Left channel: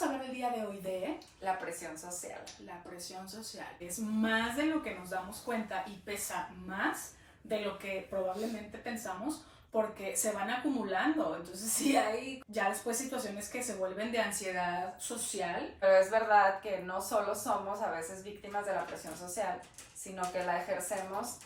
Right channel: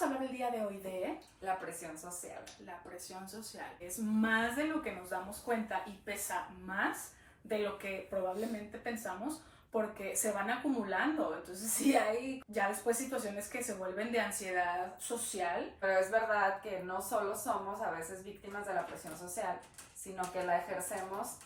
Vamos a hablar el día de hoy de la presión social. la presión social. Es más de lo que nos damos cuenta y pesa más de lo que probablemente pensamos porque se van acumulando. Entonces sí hay ya después situaciones que se vuelven de ansiedad social. Pero es verdad que no solo somos a veces víctimas de la presión social, sino que la ejercemos.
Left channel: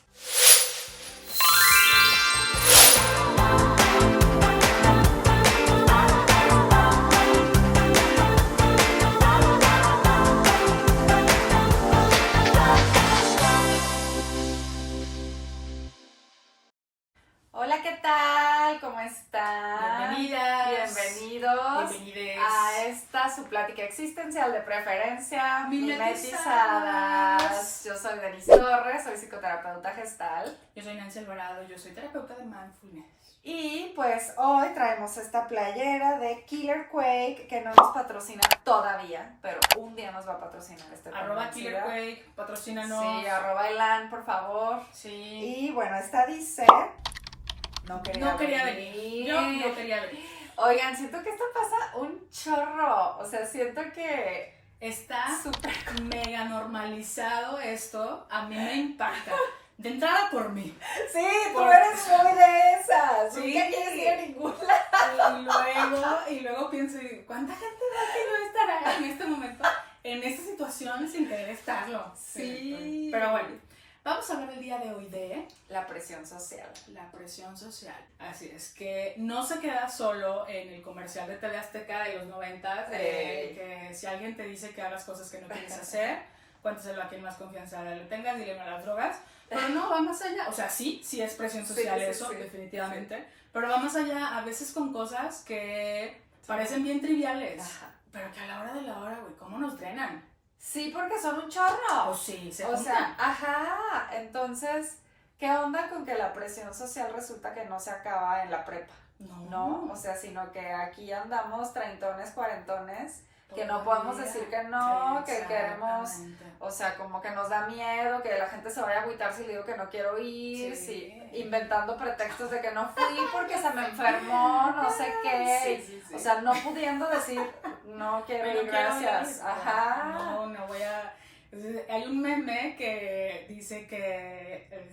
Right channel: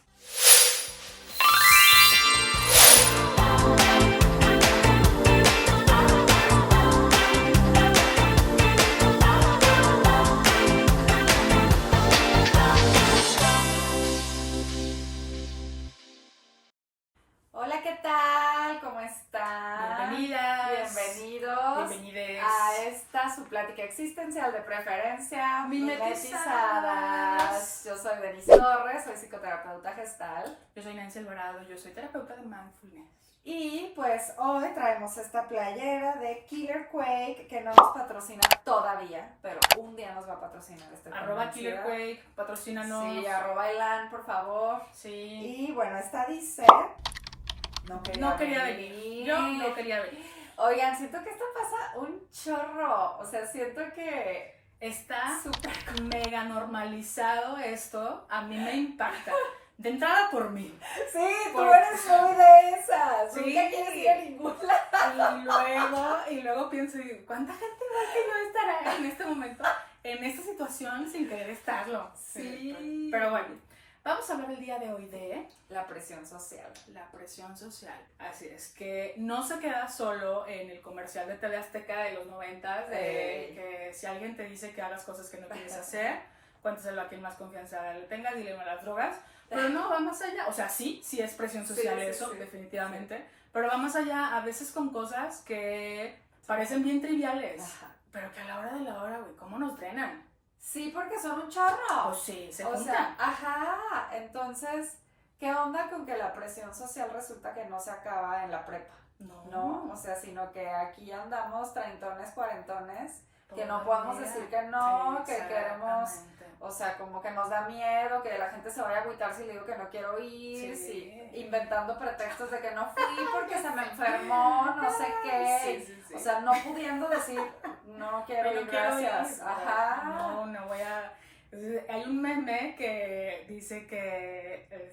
Hola, ¿qué tal? ¿Cómo están? Bienvenidas. Bienvenidos. Bienvenides. A esta su plática existencial de preferencia Mimetizadas. Yo soy Denise Torres, soy psicoterapeuta gestal. Yo soy Nancy Alvarado, yo soy terapeuta de mindfulness. Y pues hoy traemos esta playera de Killer Quake que no nos patrocina todavía, pero un día nos va a patrocinar este @KillerQuake, patrocínanos. Sí, @Elan, por favor. Sí. Y bueno, esta dice... No quería venir. Yo no quería venir. Oigan, siento que esto pasa un chorro. O sea, siento que está súper mega normalizado esto. A mí me impacta. De entrada por mí. Sí, tú Por- eres muy de esas. Sí. Nunca quieres ir a ningún lado. Y luego pienso, ¿cuánta gente igual que yo estará en este momento, en esta situación sin querer estarlo? Sí. Pero bueno, vamos a hablar el día de hoy de La presión social. la presión social. Así es, que no se queda solo en el comercial de TV Azteca de los 90, de que si alguien te dice que hagas cosas que no quieres hacer, cuéntaselo a quien más confianza le tengas, dile a las drogas. Pero no, va más allá. O sea, sí es presión social eso, definitivamente. Sí. Pero va más allá, a veces con cosas que parecen bien triviales. Ajá. Pero que a la hora de la hora, güey, ¿cómo nos drenan? Sí, porque son un chorro. Pues sí, se juntan. O sea, ajá. Entonces, ¿qué onda con que la presión social resulta que no se acaba en la prepa? No, o sea, sino que aquí andamos treintones, cuarentones, que no podemos decir que no, que queremos, o sea, como que nos da miedo, que la gente se vaya a agüitar si le digo que no quiero ir, sí, inventando pretextos de que no fui porque se me enfermó, no sé qué, sí. O sea, no pudiendo decir, no quiero ir, gracias, ajá. No voy a... Hay un meme que dice que,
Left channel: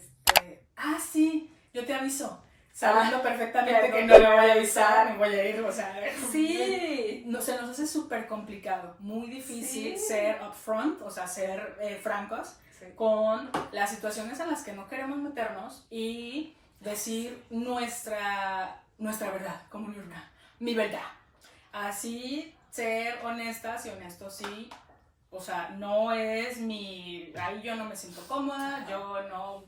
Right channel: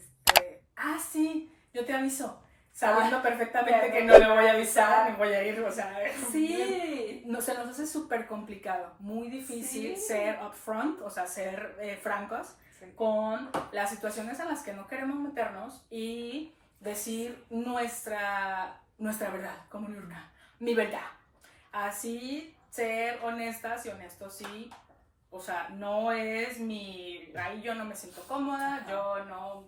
sí, yo te aviso. Sabiendo perfectamente que no le voy a avisar, me voy a ir, o sea, sí. No, se nos hace súper complicado, muy difícil ser upfront, o sea, ser francos con las situaciones en las que no queremos meternos y decir nuestra verdad, como mi verdad. Así, ser honestas y honestos, sí, o sea, no es ahí yo no me siento cómoda, yo no,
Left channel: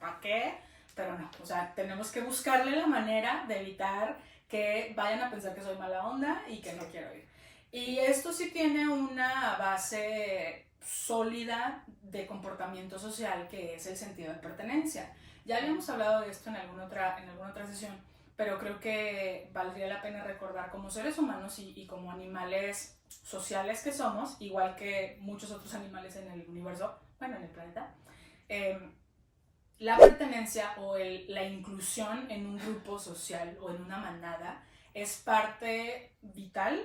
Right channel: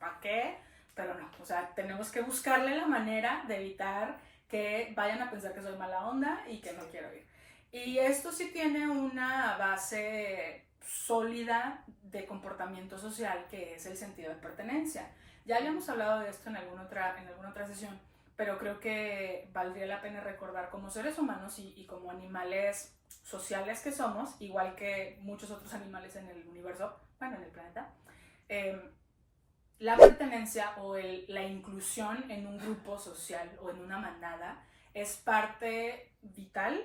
¿para qué? Pero no, o sea, tenemos que buscarle la manera de evitar que vayan a pensar que soy mala onda y que no quiero ir. Y esto sí tiene una base sólida de comportamiento social, que es el sentido de pertenencia. Ya habíamos hablado de esto en alguna otra sesión, pero creo que valdría la pena recordar como seres humanos y como animales sociales que somos, igual que muchos otros animales en el universo, bueno, en el planeta, la pertenencia o la inclusión en un grupo social o en una manada es parte vital,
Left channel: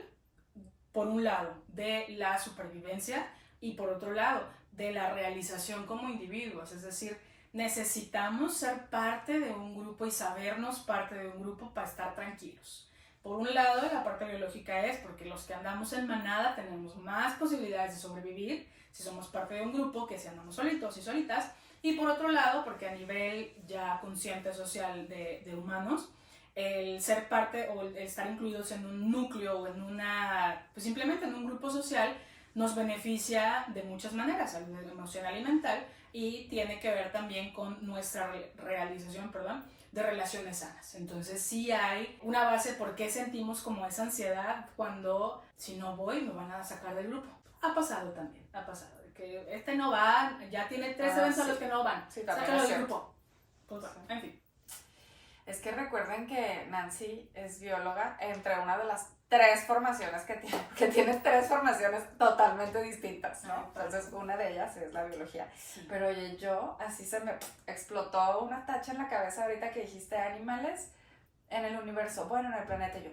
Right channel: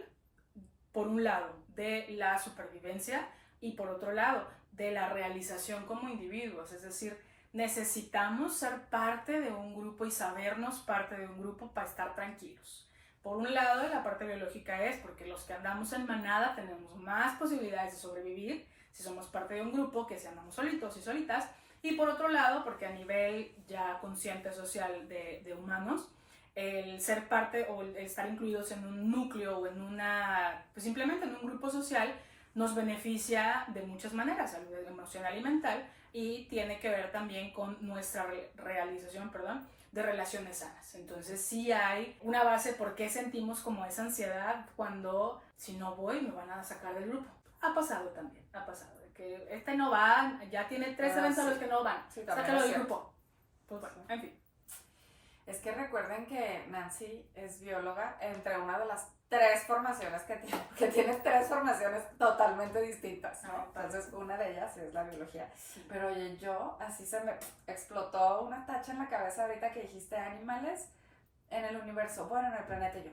por un lado, de la supervivencia y por otro lado, de la realización como individuos. Es decir, necesitamos ser parte de un grupo y sabernos parte de un grupo para estar tranquilos. Por un lado, la parte biológica es porque los que andamos en manada tenemos más posibilidades de sobrevivir si somos parte de un grupo que si andamos solitos y solitas. Y por otro lado, porque a nivel ya consciente social de humanos, el ser parte o el estar incluidos en un núcleo o en pues simplemente en un grupo social nos beneficia de muchas maneras, salud emocional y mental, y tiene que ver también con nuestra realización, de relaciones sanas. Entonces sí hay una base por qué sentimos como esa ansiedad cuando si no voy me van a sacar del grupo. Ha pasado también, ha pasado. Que no va, ya tiene 3 eventos a los que no van, sácalo del grupo. Pues bueno, en fin. Es que recuerden que Nancy es bióloga entre una de las 3 formaciones que tiene 3 formaciones totalmente distintas, ¿no? Entonces una de ellas es la biología. Sí. Pero oye, yo así se me explotó una tacha en la cabeza ahorita que dijiste animales en el universo, bueno, en el planeta. Yo,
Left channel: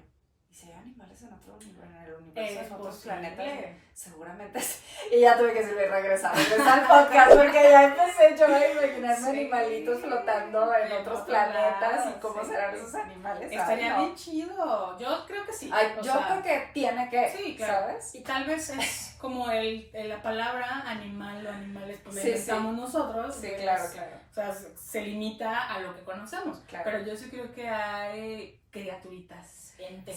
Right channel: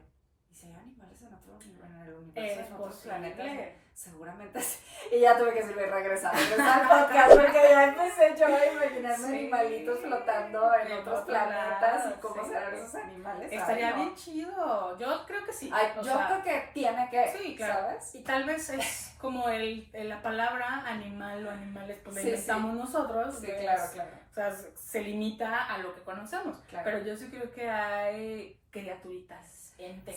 ¿y si hay animales en otro en el universo, en otros planetas? Seguramente sí. Y ya tuve que regresar al podcast porque ya empecé yo a imaginarme animalitos flotando en otros planetas y cómo serán esos animales. Estaría bien chido. Yo creo que sí. Yo creo que tiene que, sí, claro. ¿sabes? Y tal vez es como la palabra animal o animales, pues la inventamos nosotros. Sí, claro. O sea, se limita a lo que conocemos. Claro. Pero yo sí creo que hay criaturitas.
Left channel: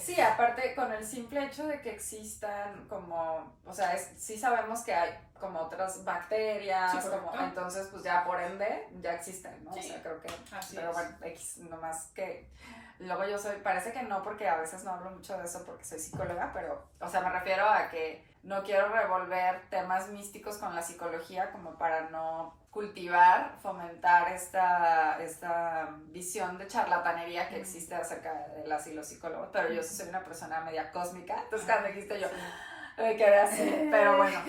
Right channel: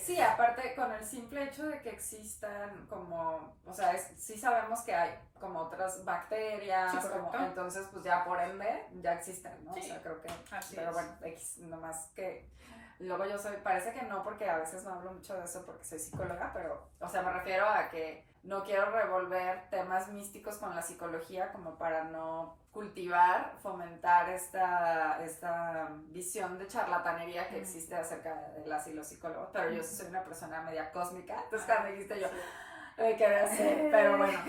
Sí, aparte con el simple hecho de que existan como, o sea, sí sabemos que hay como otras bacterias, entonces pues ya por ende ya existen, ¿no? Sí. O sea, creo que, así pero bueno, nomás que luego parece que no, porque a veces no hablo mucho de eso porque soy psicóloga, pero, o sea, me refiero a que no quiero revolver temas místicos con la psicología como para no cultivar, fomentar esta visión de charlatanería que existe acerca de las y los psicólogos, pero yo soy una persona media cósmica, entonces cuando dijiste yo me quedé así, pero bueno,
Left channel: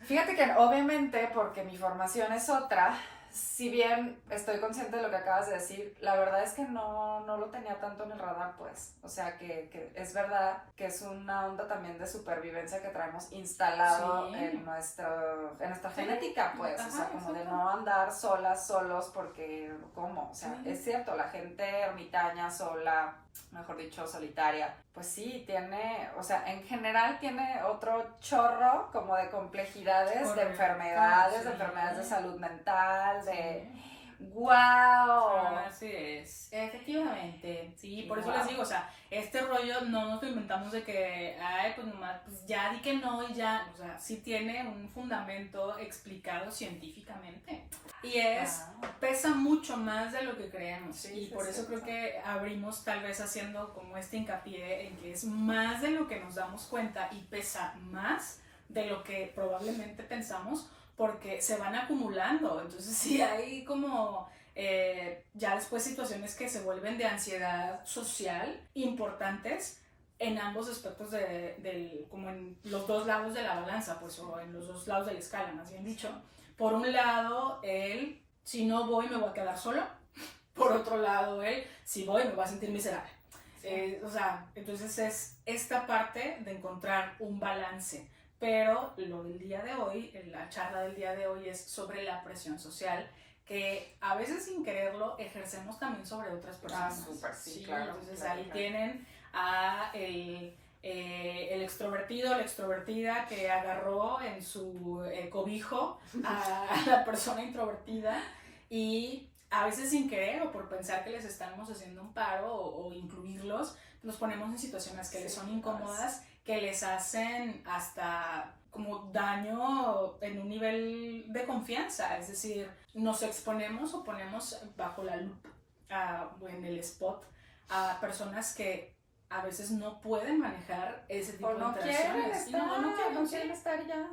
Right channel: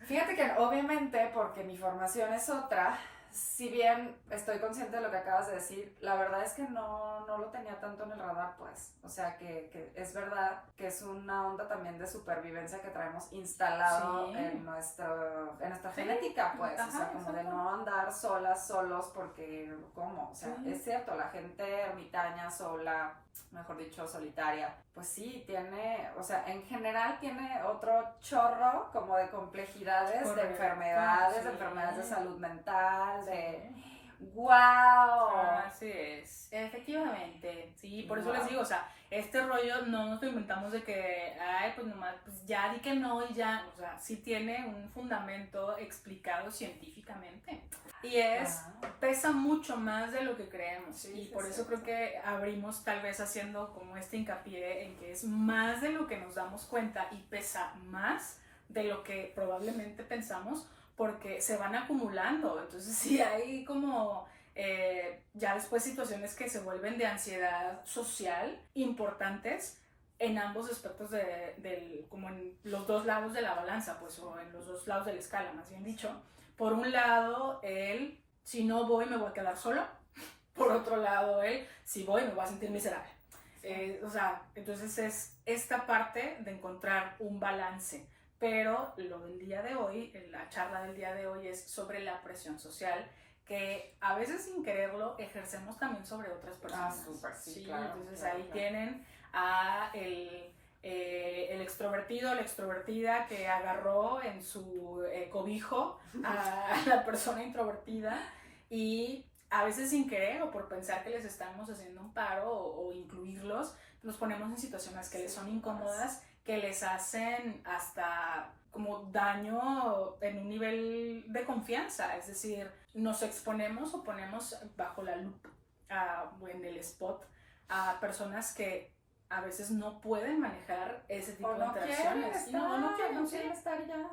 fíjate que obviamente porque mi formación es otra, si bien estoy consciente de lo que acabas de decir, la verdad es que no lo tenía tanto en el radar, pues. O sea, que es verdad que es una onda también de supervivencia que traemos instalado en nuestra genética, pues. Ajá, o sea, como de no andar solos, porque, ¿cómo? O sea, es cierto, la gente ermitaña, sola, mejor dicho, solitaria, pues sí, tiene, o sea, en general tiene otro chorro como de complejidades, correcto, de enfermedades de salud mental, de ¡wow! Así es, efectivamente, sí, por eso les digo, o sea, este rollo no nos lo inventamos de que, ay, pues nomás, pues ya di que no y ya, o sea, sí tiene un fundamento explicado científicamente. Y pesa mucho más de lo que creemos, y por eso creo que abrimos tal vez haciendo como este hincapié en que es más de lo que nos damos cuenta y pesa más de lo que probablemente pensamos, porque se van acumulando. Entonces sí hay como ya después situaciones que se vuelven de ansiedad social importantes en ambos aspectos como en los dos lados de la balanza, pues, o en los dos lados de la escala, más bien dicho. Por un lado, si no voy me voy a quedar solo. Por otro lado, si voy me voy a sentir miserable. O sea, entonces es esta parte de encontrar un balance. Pero lo del día de hoy, la charla del día de hoy es sobre la presión social, que a veces sin quererlo ejercemos también sobre otras personas. Súper, sí, claro. Entonces ahí tienen a el extrovertido, la extrovertida que agarró en su cobijo a la persona introvertida, y a veces sin querer o por pensar que les estamos haciendo un paro o incluirlos, nos ponemos en situaciones que les son incómodas, que les hacen hasta como daño en un nivel de confianza, es decir, nos exponemos o ponemos bajo la lupa o en el spot a personas que a veces no pueden manejar ese tipo de interacciones. No quieren estar ya.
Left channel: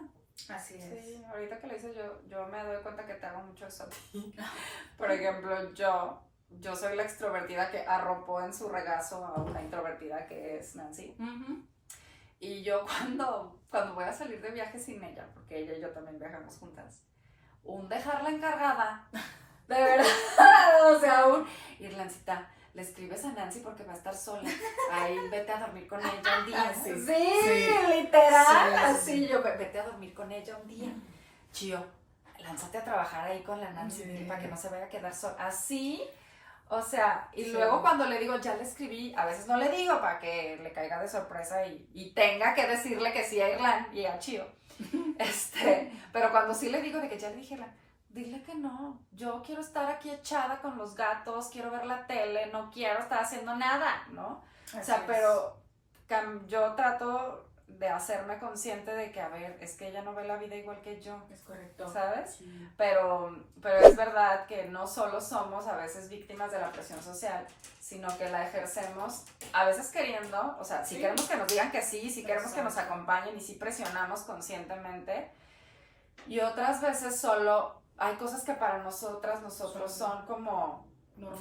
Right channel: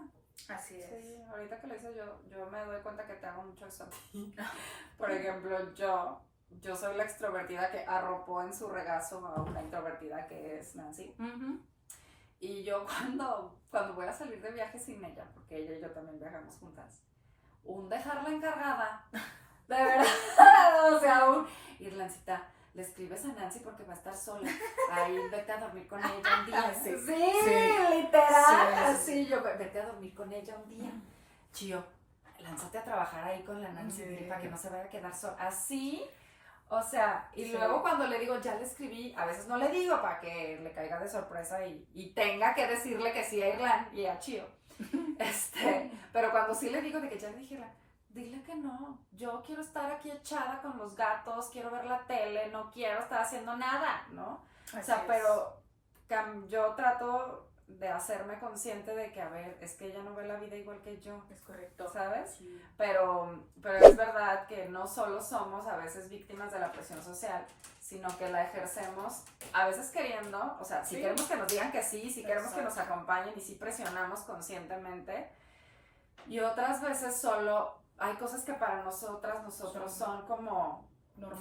Así es. Sí, ahorita que lo dices yo me doy cuenta que te hago mucho eso. Por ejemplo, yo soy la extrovertida que arropó en su regazo a una introvertida que es Nancy. Y yo cuando voy a salir de viaje sin ella, porque ella y yo también viajamos juntas, dejarla encargada, de verdad, o sea, Irlancita, le escribes a Nancy porque va a estar sola, ahí vete a dormir con ella un día. Sí, literal, así yo, vete a dormir con ella un día. Chío, lánzate a trabajar ahí con la Nancy para que no se vaya a quedar sola, así. O sea, y luego cuando le digo, ya le escribí, a veces no le digo para que le caiga de sorpresa y tenga que decirle que sí a Irlán y a Chío. Pero cuando sí le digo de que ya le dije, dile que no, yo quiero estar aquí echada con los gatos, quiero ver la tele, no quiero estar haciendo nada, ¿no? Así o sea, pero yo trato de hacerme consciente de que, a ver, es que ella no ve la vida igual que yo. Es correcto. ¿Sabes? Sí. Pero es verdad que no solo somos a veces víctimas de la presión social, sino que la ejercemos a veces queriendo, o sea, si queremos que nos digan que sí, si queremos que nos acompañen y si presionamos conscientemente, y otras veces solo hay cosas que para nosotros son como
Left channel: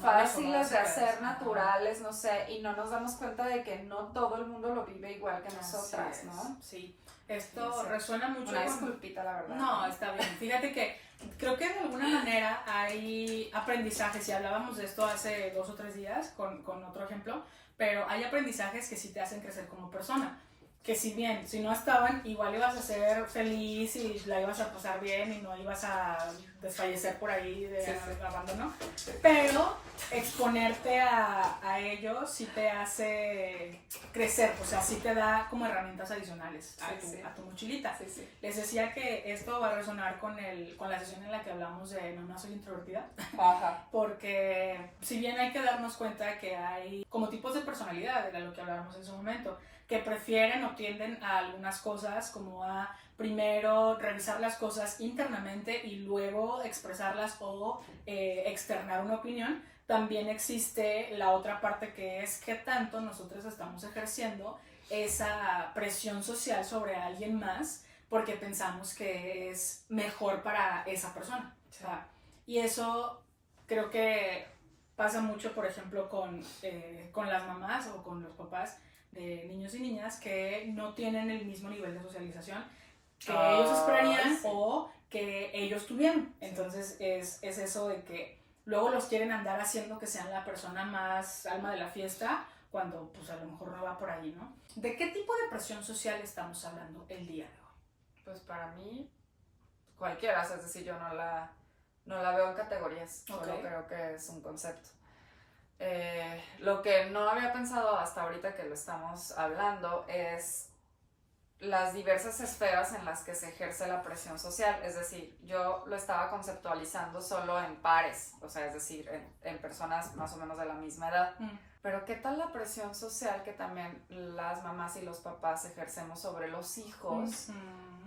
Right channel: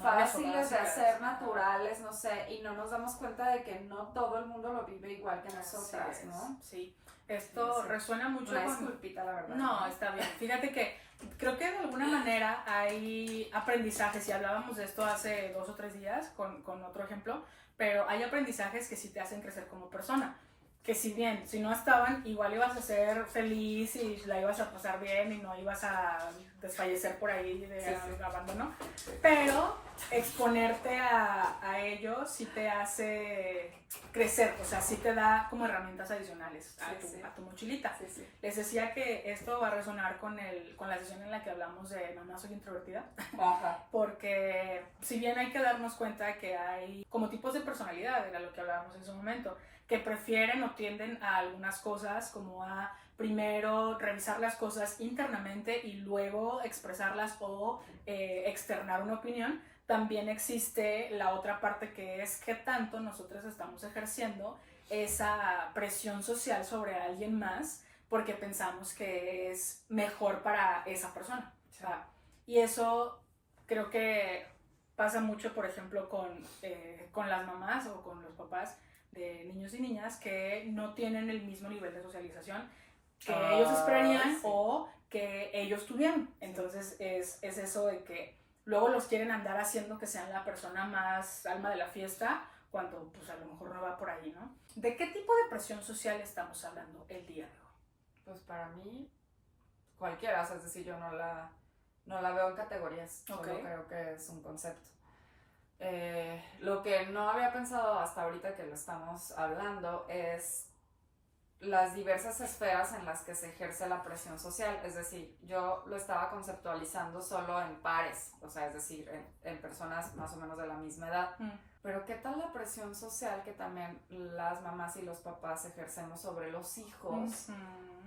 fáciles de hacer, naturales, no sé, y no nos damos cuenta de que no todo el mundo lo vive igual que nosotras, ¿no? Sí, esto resuena mucho. Una disculpita, la verdad. No, está bien. Fíjate que creo que de alguna manera hay aprendizajes, y hablábamos de esto hace 2 o 3 días con otro ejemplo, pero hay aprendizajes que sí te hacen crecer como persona. Que si bien, si no estaban, igual ibas a ser feliz y la ibas a pasar bien y no ibas a desfallecer por ahí de abandono. Sí. Pero exponerte a ellos sí te hace crecer, o sea, sí te da como herramientas adicionales a tu mochilita. Sí, sí. Les decía que esto va a resonar con la sesión en la que hablamos de Mamá Soy Introvertida. Ajá. Porque si bien hay que darnos cuenta que hay como tipos de personalidad, era lo que hablábamos en su momento, que prefieren o tienden a algunas cosas como a primero revisar las cosas internamente y luego expresarlas o externar una opinión. También existe la otra parte que es qué tanto nosotros estamos ejerciendo esa presión social sobre alguien más porque pensamos que es mejor para esa persona. O sea, y eso creo que pasa mucho, por ejemplo, con las mamás o con los papás de niños y niñas que no tienen el mismo nivel de socialización que ellos esperarían o que ellos tuvieron. Entonces es eso de que luego los quieren andar haciendo que sean la persona más alma de la fiesta cuando pues a lo mejor no va por ahí, ¿no? ¿De qué tipo de presión social estamos hablando el día de hoy? Pues para mí cualquiera, es decir, yo no la veo en categorías, solo creo que es un concepto. Lo que no había pensado hasta ahorita que lo estamos hablando es las diversas esferas en las que se ejerce la presión social, es decir, yo lo estaba conceptualizando solo en pares, o sea, es decir, en personas más o menos de la misma edad, pero ¿qué tal la presión social que también las mamás y los papás ejercemos sobre los hijos,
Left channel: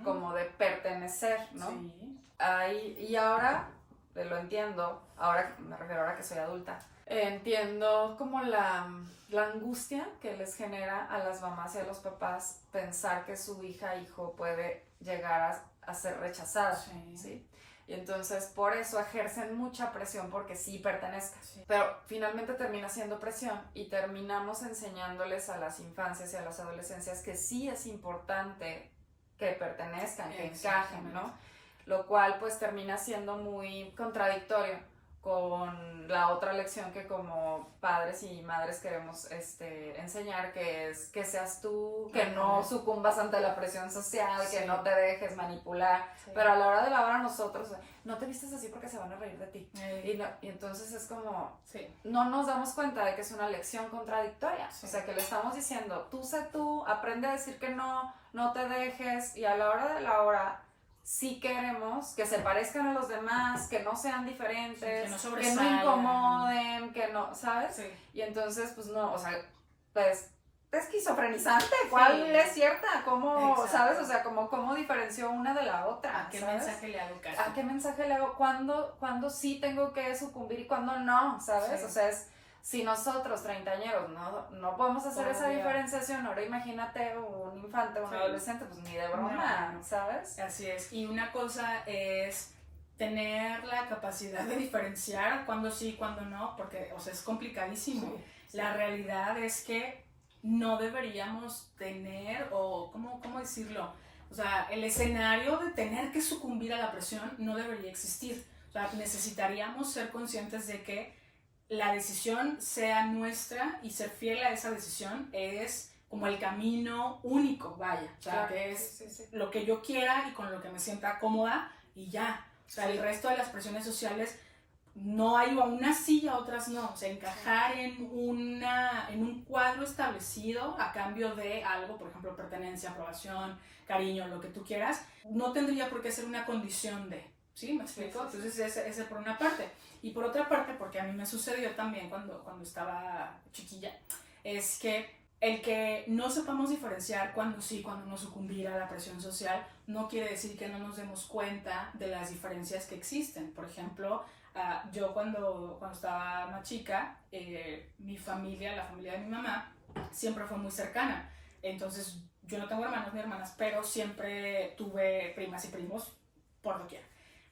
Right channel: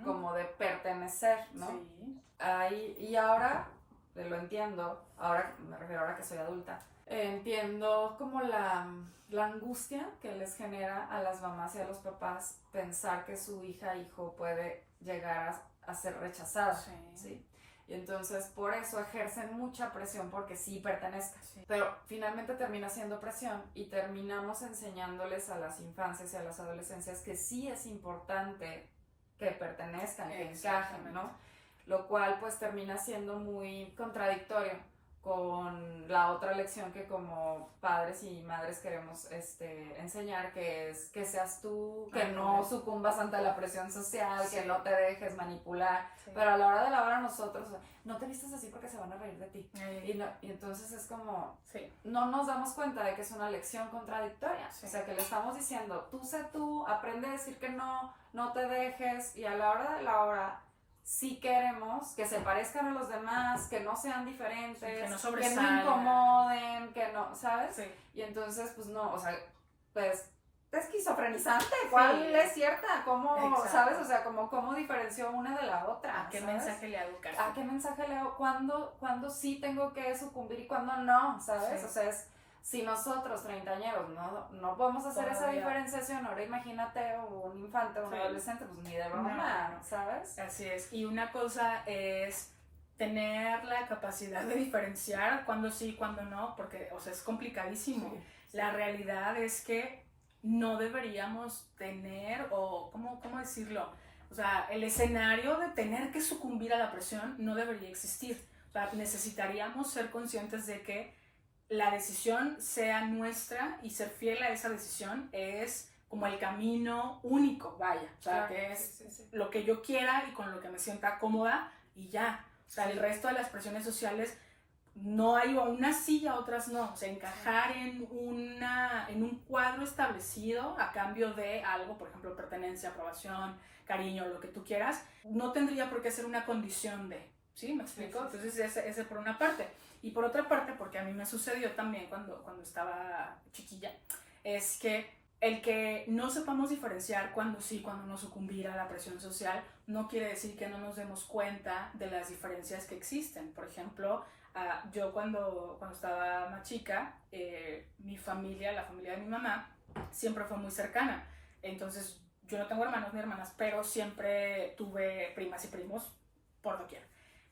como de pertenecer, ¿no? Sí. Y ahora, lo entiendo, ahora me refiero ahora que soy adulta, entiendo como la angustia que les genera a las mamás y a los papás pensar que su hijo puede llegar a ser rechazada, ¿sí? Y entonces por eso ejercen mucha presión porque sí pertenezca. Sí. Pero finalmente termina siendo presión y terminamos enseñándoles a las infancias y a las adolescencias que sí es importante que pertenezcan, que encajen, ¿no? Lo cual pues termina siendo muy contradictorio con la otra lección que como padres y madres queremos enseñar, que es que seas tú, que no sucumbas ante la presión social, que no te dejes manipular, pero a la hora de la hora nosotros, no te vistes así porque se van a reír de ti, y entonces es como, no nos damos cuenta de que es una lección contradictoria, o sea que le estamos diciendo, tú sé tú, aprende a decir que no te dejes, y a la hora de la hora sí queremos que se parezcan a los demás, que no sean diferentes, que no incomoden, que no, ¿sabes? Sí. Y entonces, pues no, o sea, pues esquizofrenizante, ¿cuál es cierta? ¿Cómo, sabes? O sea, cómo diferenció una de la otra. ¿A qué mensaje le hago caso? ¿A qué mensaje le hago? ¿Cuándo sí tengo que sucumbir y cuándo no? ¿Sabes? Sí. O sea, si nosotros, treintañeros, no podemos hacer esa diferenciación, ahora imagínate un infante o un adolescente, pues ni de broma, ¿sabes? Así es, y una cosa es tener la capacidad de diferenciar cuándo sí, cuándo no, porque, o sea, es complicadísimo. Sí. La realidad es que no deberíamos tener, o ¿cómo decirlo? O sea, el escenario de tener que sucumbir a la presión no debería existir. O sea, necesitaríamos ser conscientes de que la decisión sea nuestra y ser fiel a esa decisión es como el camino único, vaya, o sea, que es lo que yo quiera y con lo que me sienta cómoda y ya, o sea, el resto de las presiones sociales no hay unas sí y a otras no, o sea, encajar en un cuadro establecido a cambio de algo, por ejemplo, pertenencia, aprobación, cariño, lo que tú quieras, no tendría por qué ser una condición de, ¿sí? ¿Me explico? Entonces ese por una parte. Y por otra parte, porque a mí me sucedió también cuando estaba chiquilla, es que el que no sepamos diferenciar cuando sí, cuando no sucumbir a la presión social, no quiere decir que no nos demos cuenta de las diferencias que existen. Por ejemplo, yo cuando estaba más chica, mi familia, la familia de mi mamá, siempre fue muy cercana. Entonces, yo no tengo hermanos ni hermanas, pero siempre tuve primas y primos por doquier.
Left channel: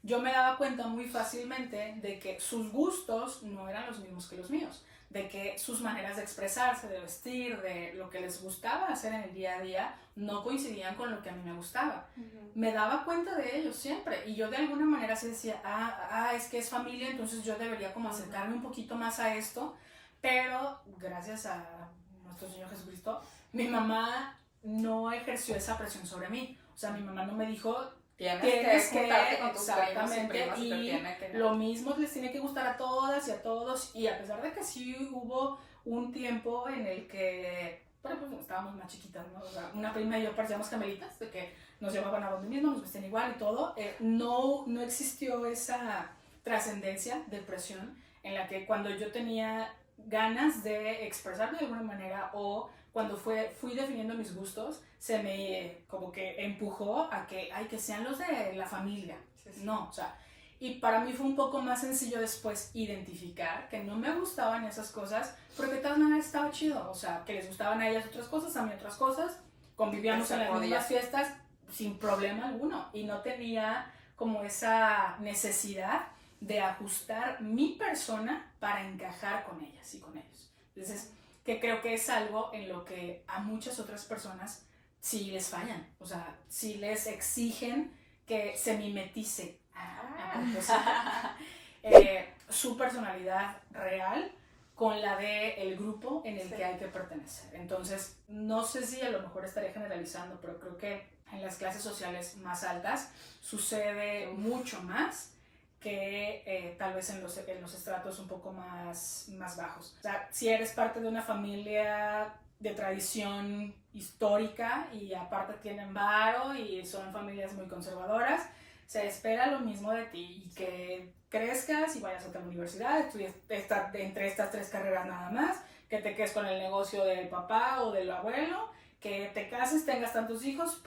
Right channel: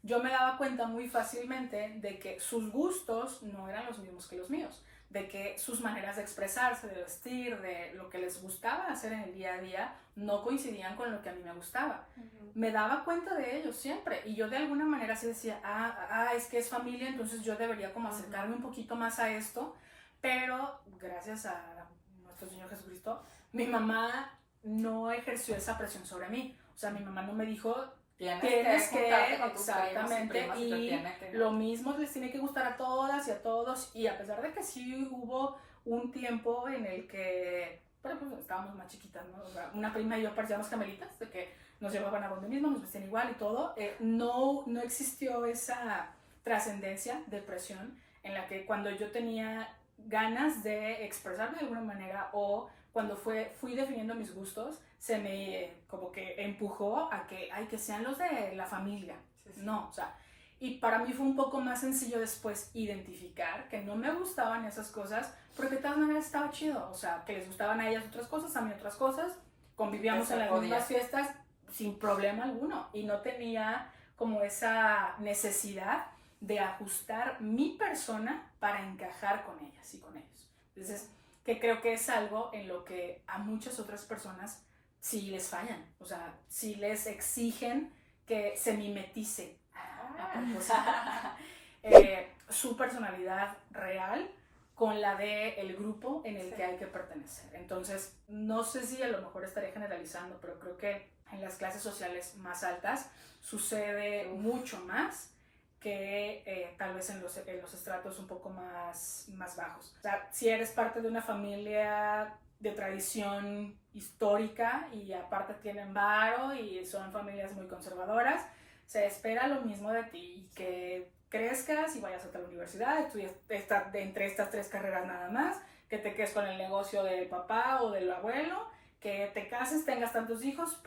Yo me daba cuenta muy fácilmente de que sus gustos no eran los mismos que los míos, de que sus maneras de expresarse, de vestir, de lo que les gustaba hacer en el día a día, no coincidían con lo que a mí me gustaba. Me daba cuenta de ellos siempre, y yo de alguna manera sí decía, es que es familia, entonces yo debería como acercarme un poquito más a esto, pero gracias a nuestro Señor Jesucristo, mi mamá no ejerció esa presión sobre mí. O sea, mi mamá no me dijo, tienes que juntarte con tus exactamente, primos y te tiene que... lo mismo les tiene que gustar a todas y a todos. Y a pesar de que sí hubo un tiempo en el que, pero pues estábamos más chiquitas, ¿no? O sea, una prima y yo parecíamos gemelitas, de que nos llevaban a donde mismo, nos vestían igual y todo. No existió esa trascendencia de presión en la que cuando yo tenía ganas de expresarme de alguna manera o cuando fui definiendo mis gustos, se me como que empujó a que, que sean los de la familia. Sí. No, o sea, y para mí fue un poco más sencillo después identificar que no me gustaban esas cosas, porque de todas maneras estaba chido, o sea, que les gustaban a ellas otras cosas, a mí otras cosas, convivíamos en las mismas fiestas sin problema alguno, y no tenía como esa necesidad de ajustar mi persona para encajar con ellas y con ellos. Entonces, que creo que es algo en lo que a muchas otras personas sí les fallan, o sea, sí les exigen que se mimetice su personalidad real con la del grupo en el que hay que pertenecer. Entonces, no sé si a lo mejor estaré generalizando, pero creo que en las clases sociales más altas sucede mucho más que tal vez en los estratos un poco más bajos. O sea, si eres parte de una familia de tradición histórica y aparte tienen varo y son familias muy conservadoras, se espera lo mismo de ti, que crezcas y vayas a la universidad, estudies entre estas 3 carreras nada más, que te quedes con el negocio del papá o del abuelo, que te cases, tengas tantos hijos,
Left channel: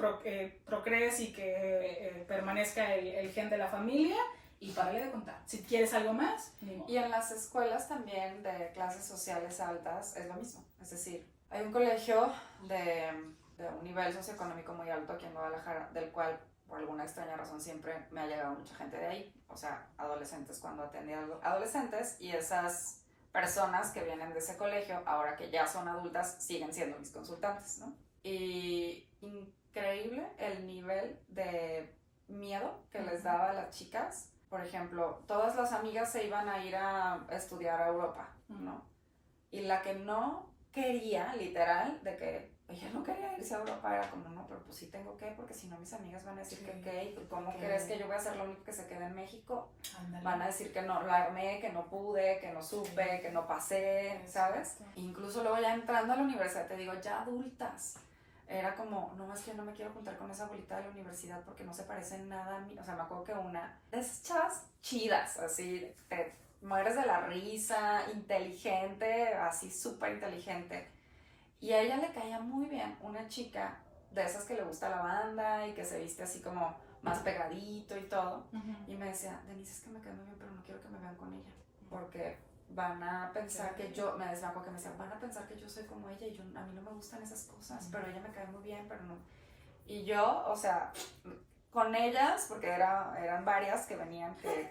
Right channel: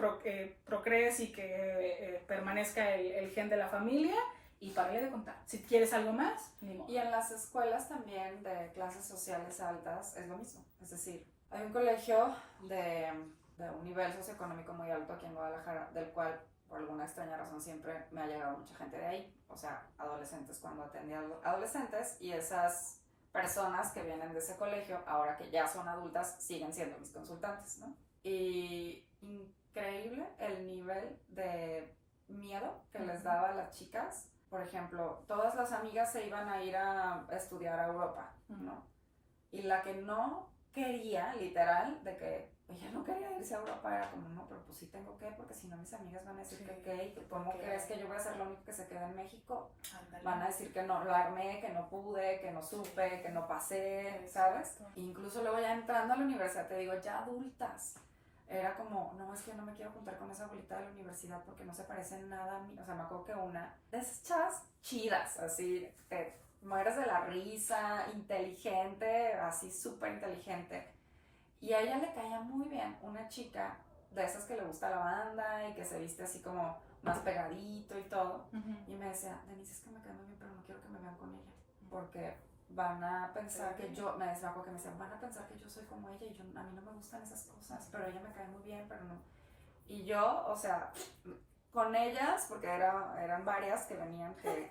procrees y que permanezca el gen de la familia. Y párale de contar. Si quieres algo más, ni modo. Y en las escuelas también de clases sociales altas es lo mismo. Es decir, hay un colegio de un nivel socioeconómico muy alto aquí en Guadalajara, del cual por alguna extraña razón siempre me ha llegado mucha gente de ahí. O sea, adolescentes, cuando atendía adolescentes, y esas personas que vienen de ese colegio, ahora que ya son adultas, siguen siendo mis consultantes, ¿no? Y increíble el nivel de miedo que les daba a las chicas. Por ejemplo, todas las amigas se iban a ir a estudiar a Europa, ¿no? Y la que no quería, literal, de que ella no quería irse a Europa, era como, no, pero pues sí tengo que, porque si no mis amigas van a decir que qué, ¿cómo crees que yo voy a ser la única que se quede en México? Andale. Van a decir que no la armé, que no pude, que no supe, que no pasé, ¿sabes? Incluso luego ya entrando a la universidad, te digo, ya adultas, era como, no, es que no me quiero juntar con esa abuelita de la universidad porque no se parece en nada a mí. O sea, me acuerdo que una de esas chavas chidas, así, te mueres de la risa, inteligente, así súper inteligente. Y a ella le caía muy bien una chica de esas que le gusta la banda y que se viste así como más pegadito y todo. Y me decía, Denise, es que me cae muy bien, pero no quiero que me vean con ella, porque van a pensar que yo, me acuerdo que me decían, van a pensar que yo soy como ella y yo, a mí no me gustan esas cosas, pero ella me cae muy bien, pero no. Y yo, o sea, con ellas, porque eran varias que venían, que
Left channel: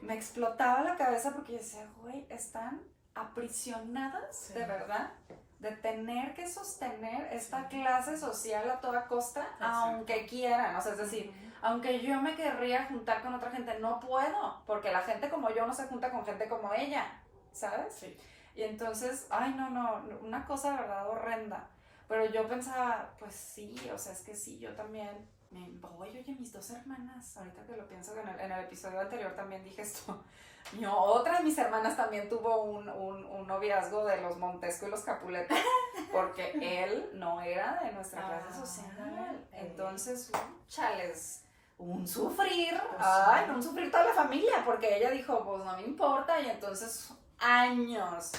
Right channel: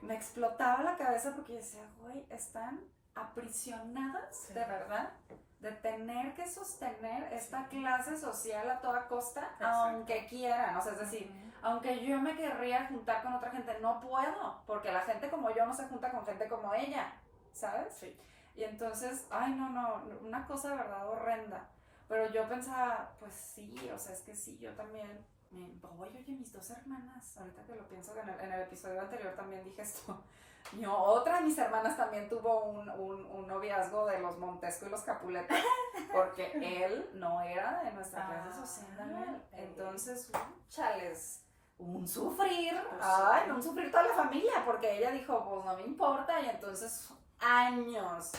me explotaba la cabeza porque yo decía, güey, están aprisionadas, de verdad, de tener que sostener esta clase social a toda costa, aunque quieran, o sea, es decir, aunque yo me querría juntar con otra gente, no puedo, porque la gente como yo no se junta con gente como ella, ¿sabes? Sí. Y entonces, no, una cosa de verdad horrenda. Pero yo pensaba, pues sí, o sea, es que sí, yo también, oye, mis 2 hermanas, ahorita que lo pienso, en el episodio anterior también dije esto, otra de mis hermanas también tuvo un noviazgo de los Montesco y los Capuleto, porque él no era de nuestra clase social. Entonces, chales, un sufrir, pues un sufrir toda la familia, porque ella dijo, pues no me importa, y entonces años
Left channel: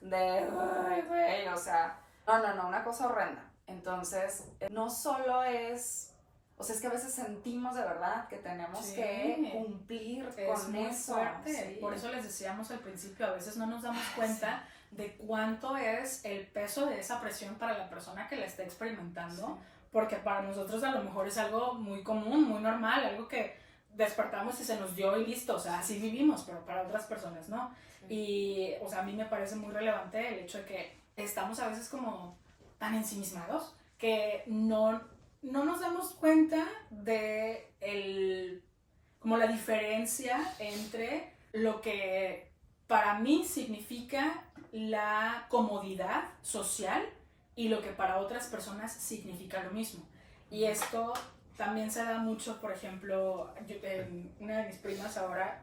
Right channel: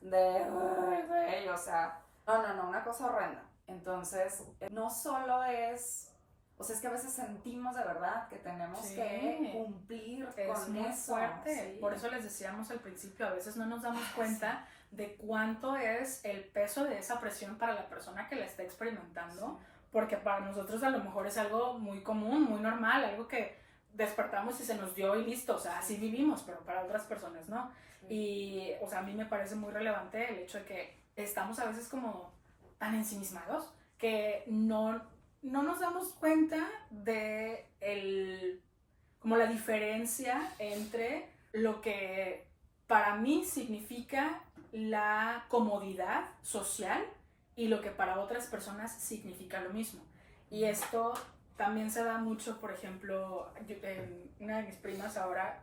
de, güey, o sea, no, una cosa horrenda. Entonces, no solo es, o sea, es que a veces sentimos de verdad que tenemos que cumplir con eso. Fuerte. Sí. Por eso les decíamos al principio, a veces no nos damos cuenta de cuánto es el peso de esa presión para la persona que la está experimentando, porque para nosotros a lo mejor es algo muy común, muy normal, algo que despertamos y se nos dio y listo, o sea, así vivimos, pero para otras personas no. Y, o sea, a mí me parece muy relevante el hecho de que estamos a veces como tan ensimismados que no nos damos cuenta de como la diferencia entre lo que para mí significa la comodidad social y lo que para otras personas significa lo mismo. Y esto también se da mucho, por ejemplo, una de mis primas ahora,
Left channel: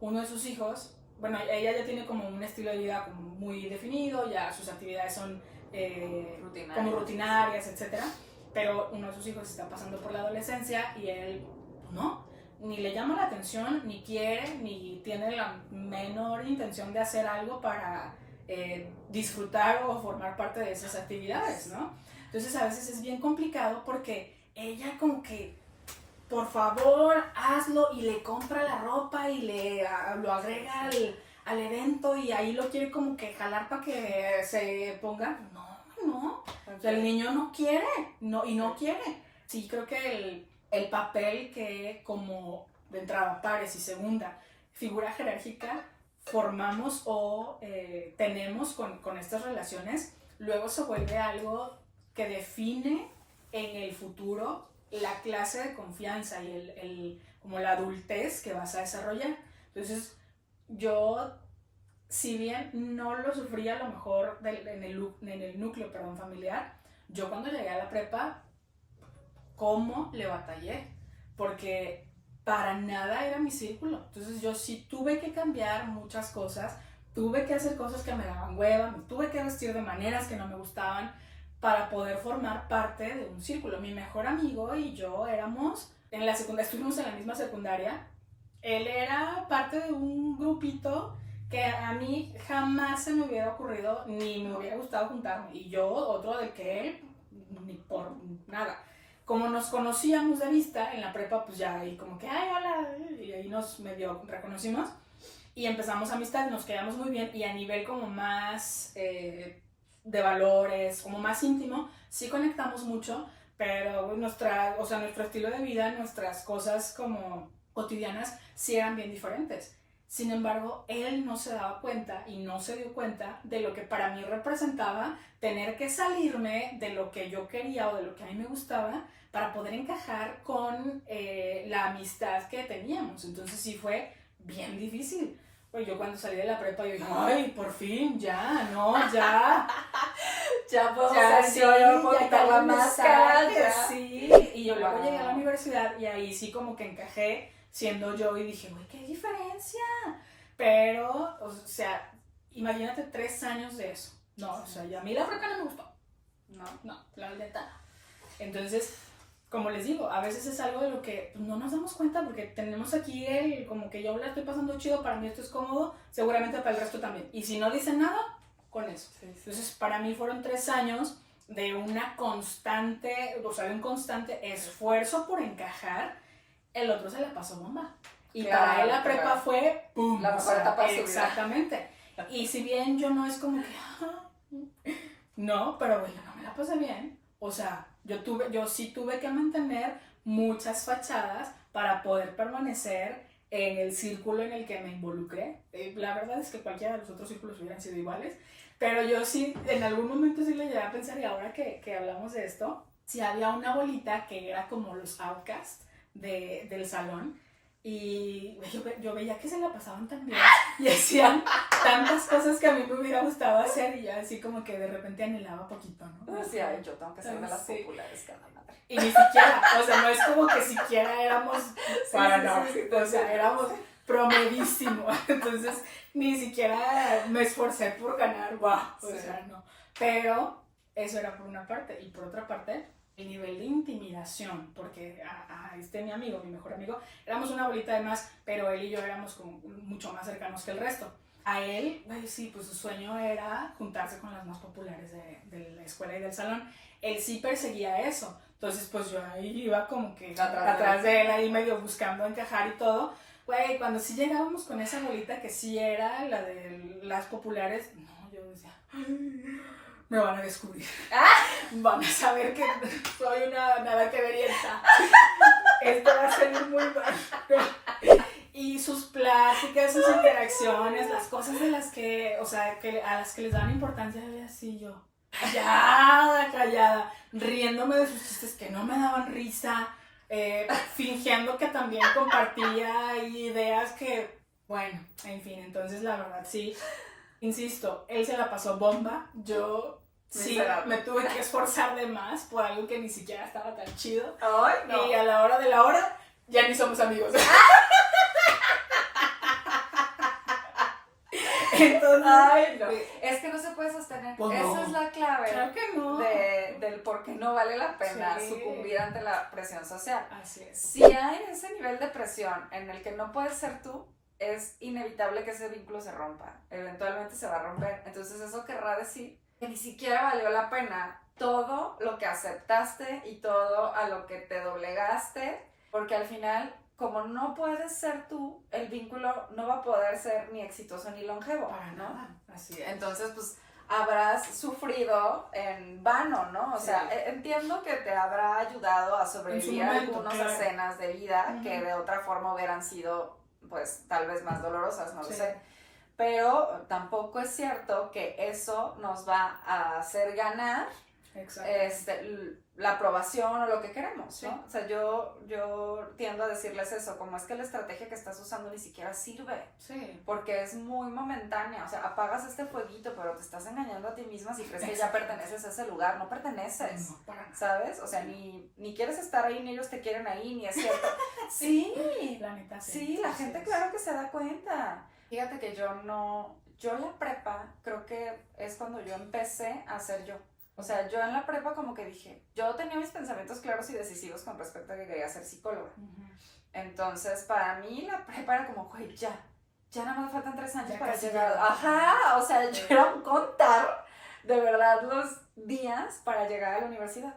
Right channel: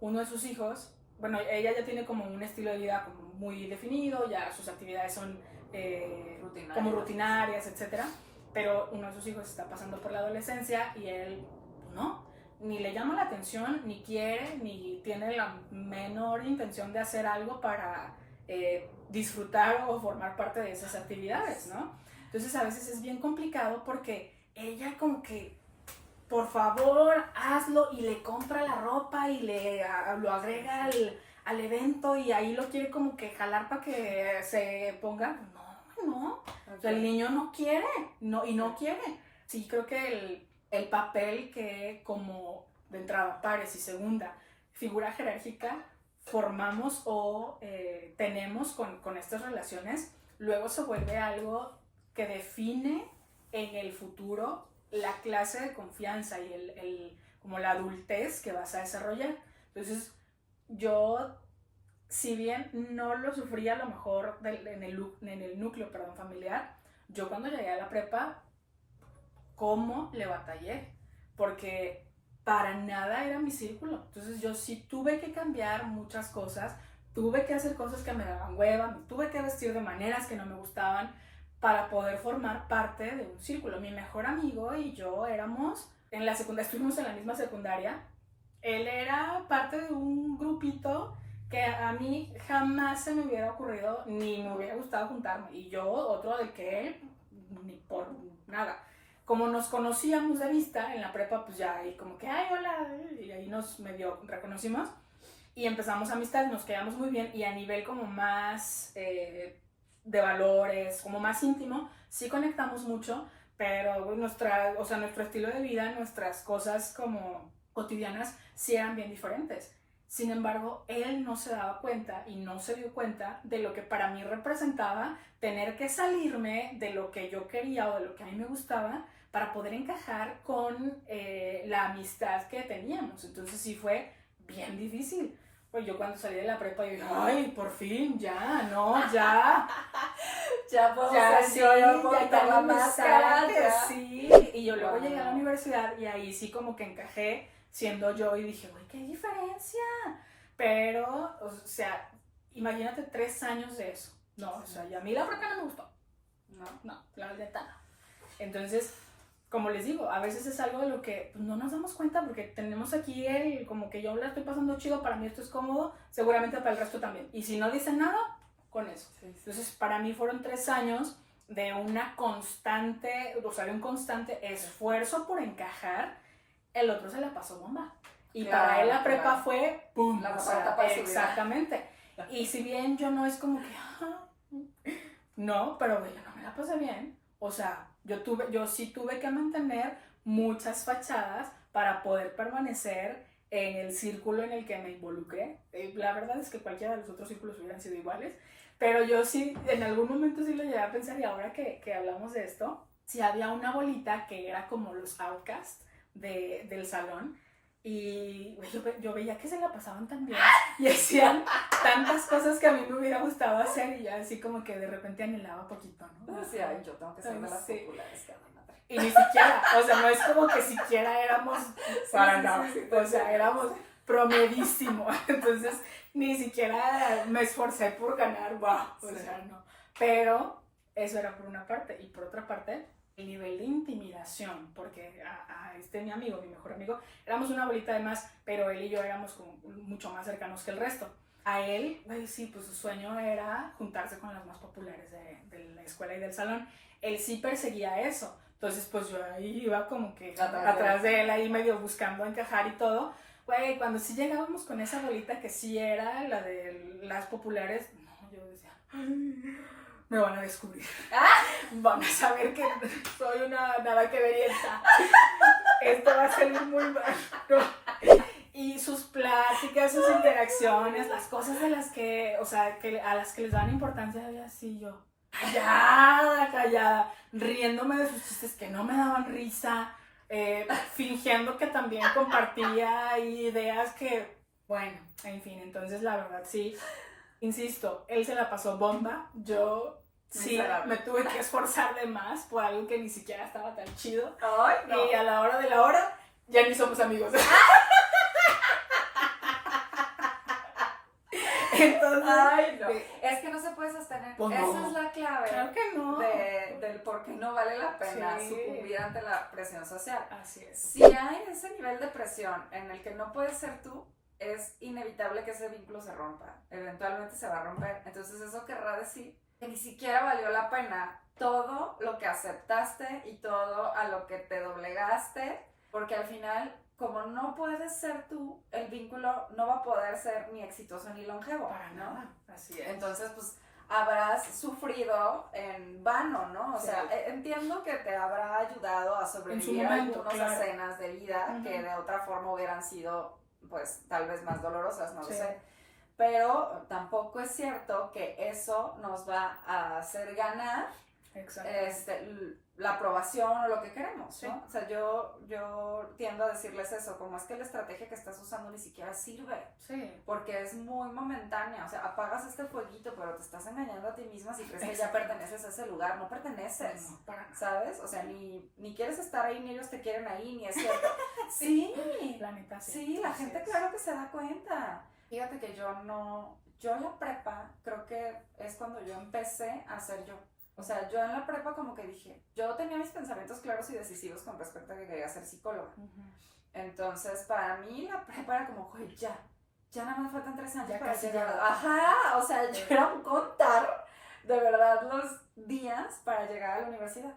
uno de sus hijos, bueno, ella ya tiene como un estilo de vida como muy definido, ya sus actividades son como rutinarias, etc. Pero uno de sus hijos está pasando por la adolescencia y él no, ni le llama la atención, ni quiere, ni tiene la menor intención de hacer algo para disfrutar o formar parte de esas actividades, ¿no? Entonces a veces es bien complicado porque ella como que, por favor, hazlo, y le compra la ropa y lo agrega al evento y ahí lo quiere como que jalar para que se ponga. No, okay. O sea, el niño no quiere, no quiere. Sí, creo que el papel que como de entrada, pares y segunda figura jerárquica formamos o tenemos con estas relaciones, luego se vuelve algo que define en el futuro la clase de confianza y como la adultez que vas a desarrollar. Entonces, yo, si bien no lo sufrí a lo mejor en el núcleo familiar, yo cuando llegué a la prepa, ¿cómo le batallé? Porque para nada era mi círculo. Entonces yo sí tuve que cambiar muchas cosas, tuve que hacer cosas que me daban hueva, me tuve que vestir de maneras que no me gustaban para poder formar parte de un círculo. Mi mejor amigo y yo éramos, en la secundaria, estuvimos en la misma secundaria. Él era parte de un grupito que a mí jamás se me hubiera ocurrido ni me hubiera gustado juntarme, y yo otro de que él ni por nada. Como nos conocíamos de vista en la prepa, pues ya ahí como que ay, hola, y ahí nos medio reconocimos y empezamos amistad, nos quedamos muy bien, y a nivel como más de valores, como más íntimo, sí conectamos mucho, pero nuestro estilo de vida, nuestras cosas como cotidianas sí eran bien diferentes. Sin embargo, él no se daba cuenta y no se dio cuenta de lo que para mí representaba tener que salirme de lo que yo quería o de lo que a mí me gustaba para poder encajar con la amistad que teníamos. Entonces sí fue bien difícil. Pues yo cuando salí de la prepa, yo dije, ay, por fin, ya puedo sí, ya la máscara, sí. Y yo luego llegué a la universidad y ahí sí como que encajé siendo yo y dije, uy, qué diferencia. Pero, o sea, imagínate 3 años de eso. No, o sea, y a mí la prepa no me gustó. No, la neta no. Entonces, como les digo, a veces es algo de lo que no nos damos cuenta porque tenemos aquí como que yo la estoy pasando chido, para mí esto es cómodo, seguramente para el resto también. Y si no dicen nada, con eso. Sí. Entonces, para mí fueron 3 años de una constante, o sea, de un constante esfuerzo por encajar. El otro se la pasó bomba. Y claro, para él la prepa fue ¡pum! La mejor etapa de su vida. Exactamente. Y si bien yo no es como que no, pero yo no me la pasé bien. O sea, yo sí tuve que mantener muchas fachadas para poder permanecer en el círculo en el que me involucré. La verdad es que cualquiera de los otros círculos hubieran sido iguales, pero yo sí, en algún momento sí lo llegué a pensar, y ahora que hablamos de esto, sí había una bolita que era como los outcasts del salón, y yo veía que se la pasaban tan bien y hacían tantas cosas que a mí me hubiera gustado hacer, y ya así como que de repente anhelaba poquito, ¿no? Sí, yo tengo que ser de las populares, que madre. Y ni siquiera, o sea, no es como que siquiera éramos o sea, éramos promedísimos, entonces ni siquiera me esforcé por ganar, o sea, no. Pero eso era por una parte, y por otra parte, el nivel de intimidación, porque a mi amigo, mi mejor amigo, éramos una bolita de más, pero él y yo éramos como mucho más cercanos que el resto. A él, sí, pues su sueño era juntarse con las más populares de la escuela y del salón. Él sí perseguía eso. Entonces, pues yo ahí iba como que atrás de él, ahí medio buscando encajar y todo. Güey, cuando sí llegábamos con esa bolita que sí era la de las populares, no, yo decía, me van a descubrir. Van a saber que soy una nada que verienta. Esto va a salir muy mal. No. Y sus pláticas, sus interacciones, las cosas de las que, o sea, a las que les dan importancia, había así yo, callada, riéndome de sus chistes que no me daban risa, fingiendo que también compartía ideas que Bueno, en fin, entonces la verdad sí, insisto, él se la pasó bomba, yo sí me tuve que esforzar de más por algo que ni siquiera estaba tan chido. Ay, no. Y a la hora de la hora ya ni somos amigos. Entonces, ay, no. Es que no se puede sostener. Pues Esa no. es la clave. Claro que no. Del por qué no vale la pena Sí. sucumbir ante la presión social. Así es. Si hay ese nivel de presión en el que no puedes ser tú, es inevitable que ese vínculo se rompa. Eventualmente se va a romper. Entonces eso querrá decir que ni siquiera valió la pena todo lo que aceptaste y todo a lo que te doblegaste, porque al final, como no puedes ser tú, el vínculo no va a poder ser ni exitoso ni longevo. Para ¿no? nada. Así es. Entonces, pues habrás sufrido en vano, ¿no? O sea, entiendo que te habrá ayudado a sobrevivir a algunas escenas de vida que de otra forma hubieran sido, pues, tal vez más dolorosas, no lo sé. Pero tampoco es cierto que eso nos va a hacer ganar la aprobación o lo que queremos, ¿no? O sea, yo tiendo a decirles eso, como es que la estrategia que estás usando ni siquiera sirve, porque es muy momentánea, o sea, apagas este fueguito, pero te estás engañando a ti misma si crees que ya perteneces a ese lugar, no perteneces, no, para nada. ¿Sabes? O sea, ni quieres estar ahí, ni ellos te quieren ahí, ni es cierto. Sí, la neta sí, la gente claro que se da cuenta. Fíjate que yo la prepa creo que es cuando yo empecé a ser yo. O sea, yo en la prepa como que dije, yo tenía mis pensamientos claros y decisivos con respecto a que quería ser psicóloga. Entonces, para mí la prepa era como, güey, ya nada más me faltan 3 años ya para casi llegar. ya. Ajá, o sea, yo era un contar de verdad los días para llegar a la universidad.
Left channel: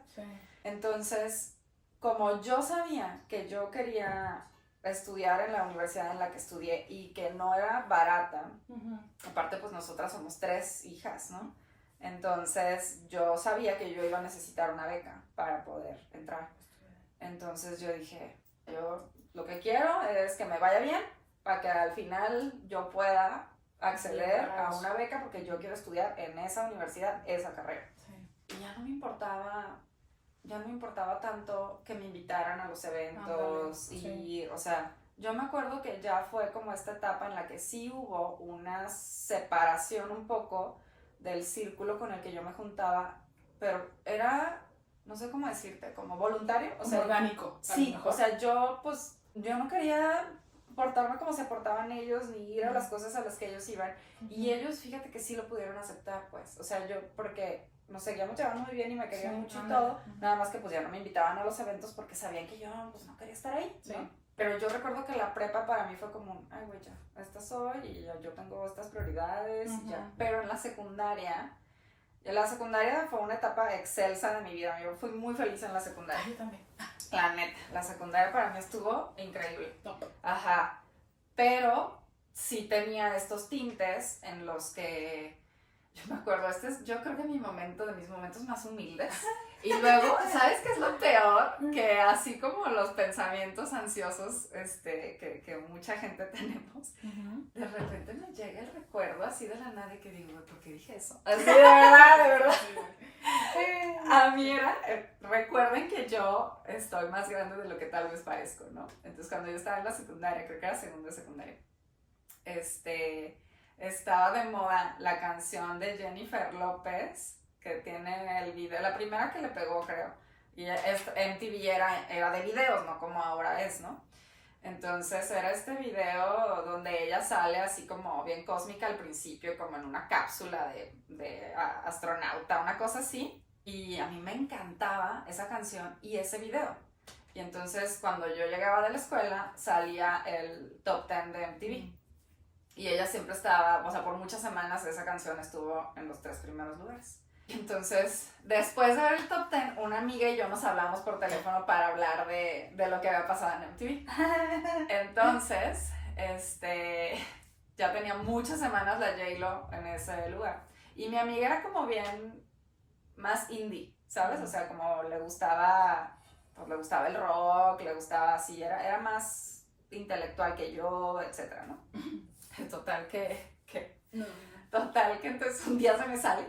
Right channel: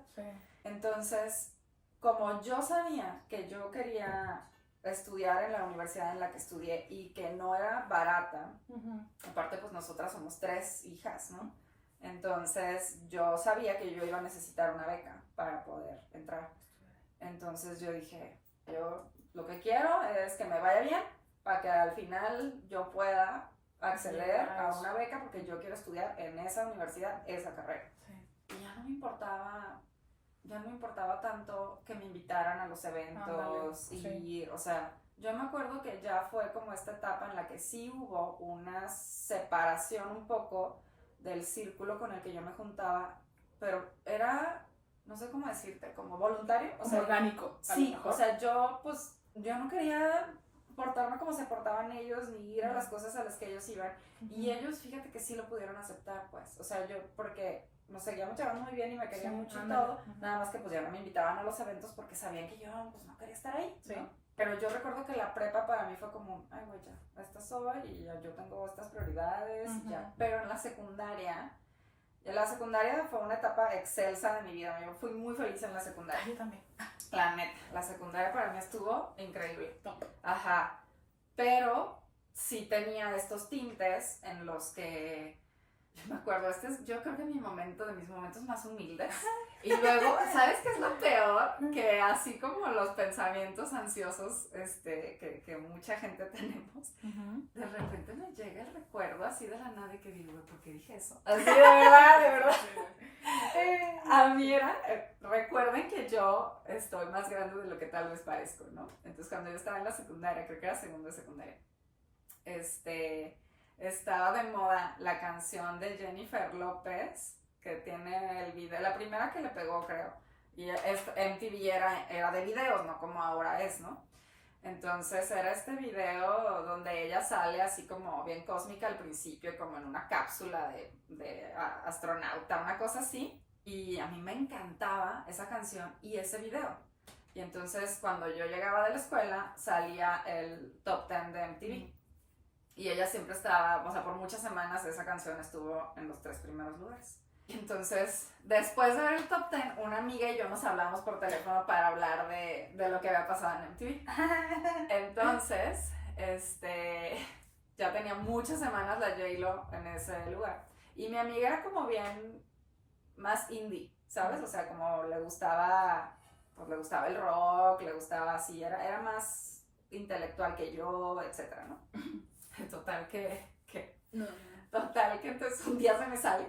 Entonces, como yo sabía que yo quería estudiar en la universidad en la que estudié y que no era barata, aparte pues nosotras somos 3 hijas, ¿no? Entonces yo sabía que yo iba a necesitar una beca para poder entrar. Entonces yo dije, yo lo que quiero es que me vaya bien para que al final yo pueda acceder a una beca porque yo quiero estudiar en esa universidad, esa carrera. Y ya no me importaba tanto que me invitaran a los eventos o sea, yo me acuerdo que ya fue como esta etapa en la que sí hubo una separación un poco del círculo con el que yo me juntaba, pero era, no sé cómo decirte, como voluntario, o sea, orgánico. Sí, o sea, yo no quería portarme como se portaban ellos, ni ir a las cosas a las que ellos iban, y ellos, fíjate que sí lo pudieron aceptar, pues, o sea, yo, porque nos seguíamos llevando muy bien y me querían mucho y todo, nada más que pues ya no me invitaban a los eventos porque sabían que yo, pues, no quería estar ahí, ¿no? Pero yo recuerdo que la prepa para mí fue como, ay, güey, ya, esta soy y ya yo tengo estas prioridades y ya. Pero en la secundaria fue una etapa excelsa de mi vida. Yo fui muy feliz en la secundaria. Yo también. La neta, la secundaria para mí estuvo increíble. Ajá. Pero sí tenía estos tintes en los que, yo me acuerdo, yo creo que mis momentos más humildes. Y luego, ¿sabes qué es lo peor? Que así como los pensamientos ansiosos que mucha gente tenemos, de repente me llega el recuerdo así de la nada y que digo, ¿por qué dije eso? Así de verdad. A mí recuerden que yo estoy más grande de lo que tal vez parezco, ¿no? Entonces cuando yo estaba en la secundaria, creo que era segundo de secundaria, estaba de moda la canción de Jennifer López, que tiene el video, la primera que le pegó, creo, y MTV era de videos, no como ahora es, ¿no? Entonces era este video donde ella sale así como bien cósmica al principio, como en una cápsula de astronauta, una cosa así, y a mí me encantaba esa canción y ese video. Y entonces cuando yo llegaba de la escuela salía el top 10 de MTV. Y ella siempre estaba, o sea, por muchas semanas esa canción estuvo en los 3 primeros lugares. Entonces, después de ver el top 10, una amiga y yo nos hablamos por teléfono para hablar de lo que había pasado en MTV. Entonces, ya tenía muchas semanas la J-Lo en ese lugar. Y mi amiga era como bien más indie, ¿sabes? O sea, como le gustaba el rock, le gustaba así, era más intelectual que yo, etcétera, ¿no? Total que entonces un día se me sale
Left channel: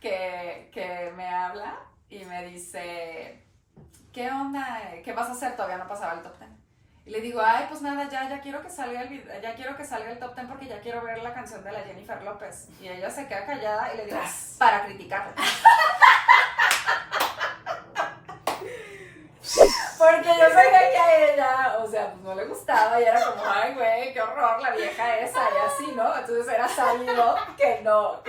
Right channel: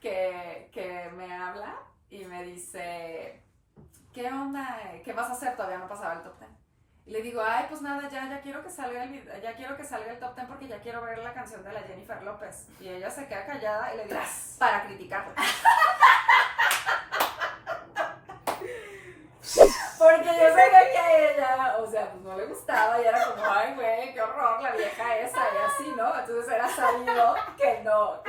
que me habla y me dice, ¿qué onda? ¿Qué vas a hacer? Todavía no pasaba el top 10. Y le digo, ay, pues nada, ya quiero que salga ya quiero que salga el top 10 porque ya quiero ver la canción de la Jennifer López. Y ella se queda callada y le digo, para criticarla. Porque yo sabía que a ella, o sea, pues no le gustaba y era como, ay, güey, qué horror la vieja esa y así, ¿no? Entonces era sabido que no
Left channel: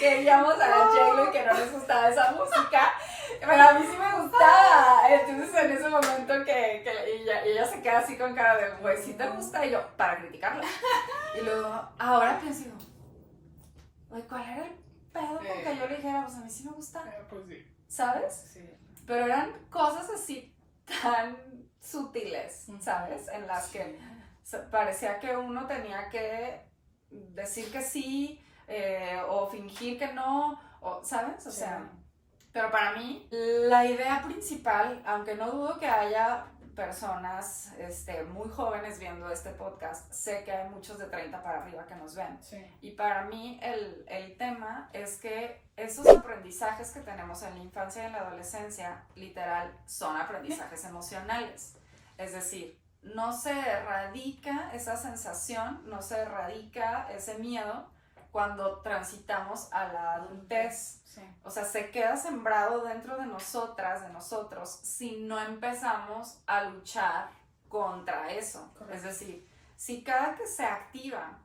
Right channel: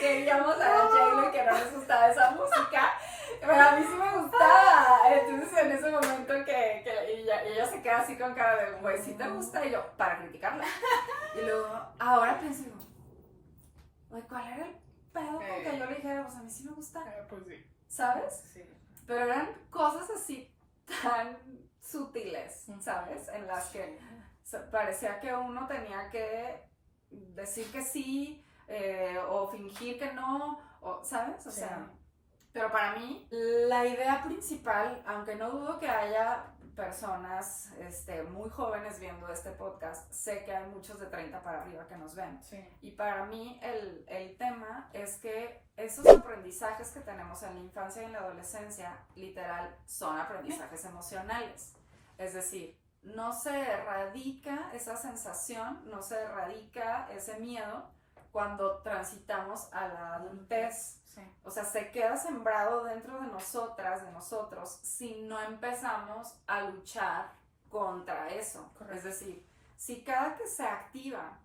queríamos a la J-Lo y que no les gustaba esa música, pero a mí sí me gustaba. Entonces en ese momento que ella se queda así con cara de, güey, ¿sí te gusta? Y yo, para criticarla. Y luego, ahora pienso, güey, ¿cuál era el pedo con que yo le dijera, pues a mí sí me gusta? Pues sí. ¿Sabes? Sí. Pero eran cosas así tan sutiles, ¿sabes? En las que parecía que uno tenía que decir que sí, o fingir que no, o, ¿sabes? O sea, pero para mí la idea principal, aunque no dudo que haya personas muy jóvenes viendo este podcast, sé que hay muchos de 30 para arriba que nos ven. Sí. Y para mí el tema es que esos aprendizajes que tenemos en la infancia y en la adolescencia, literal, son aprendizajes emocionales. Es decir, no se erradica esa sensación, no se erradica ese miedo cuando transitamos a la adultez. Sí. O sea, se queda sembrado dentro de nosotras, de nosotros, si no empezamos a luchar contra eso. Correcto. Es decir, si cada que se activa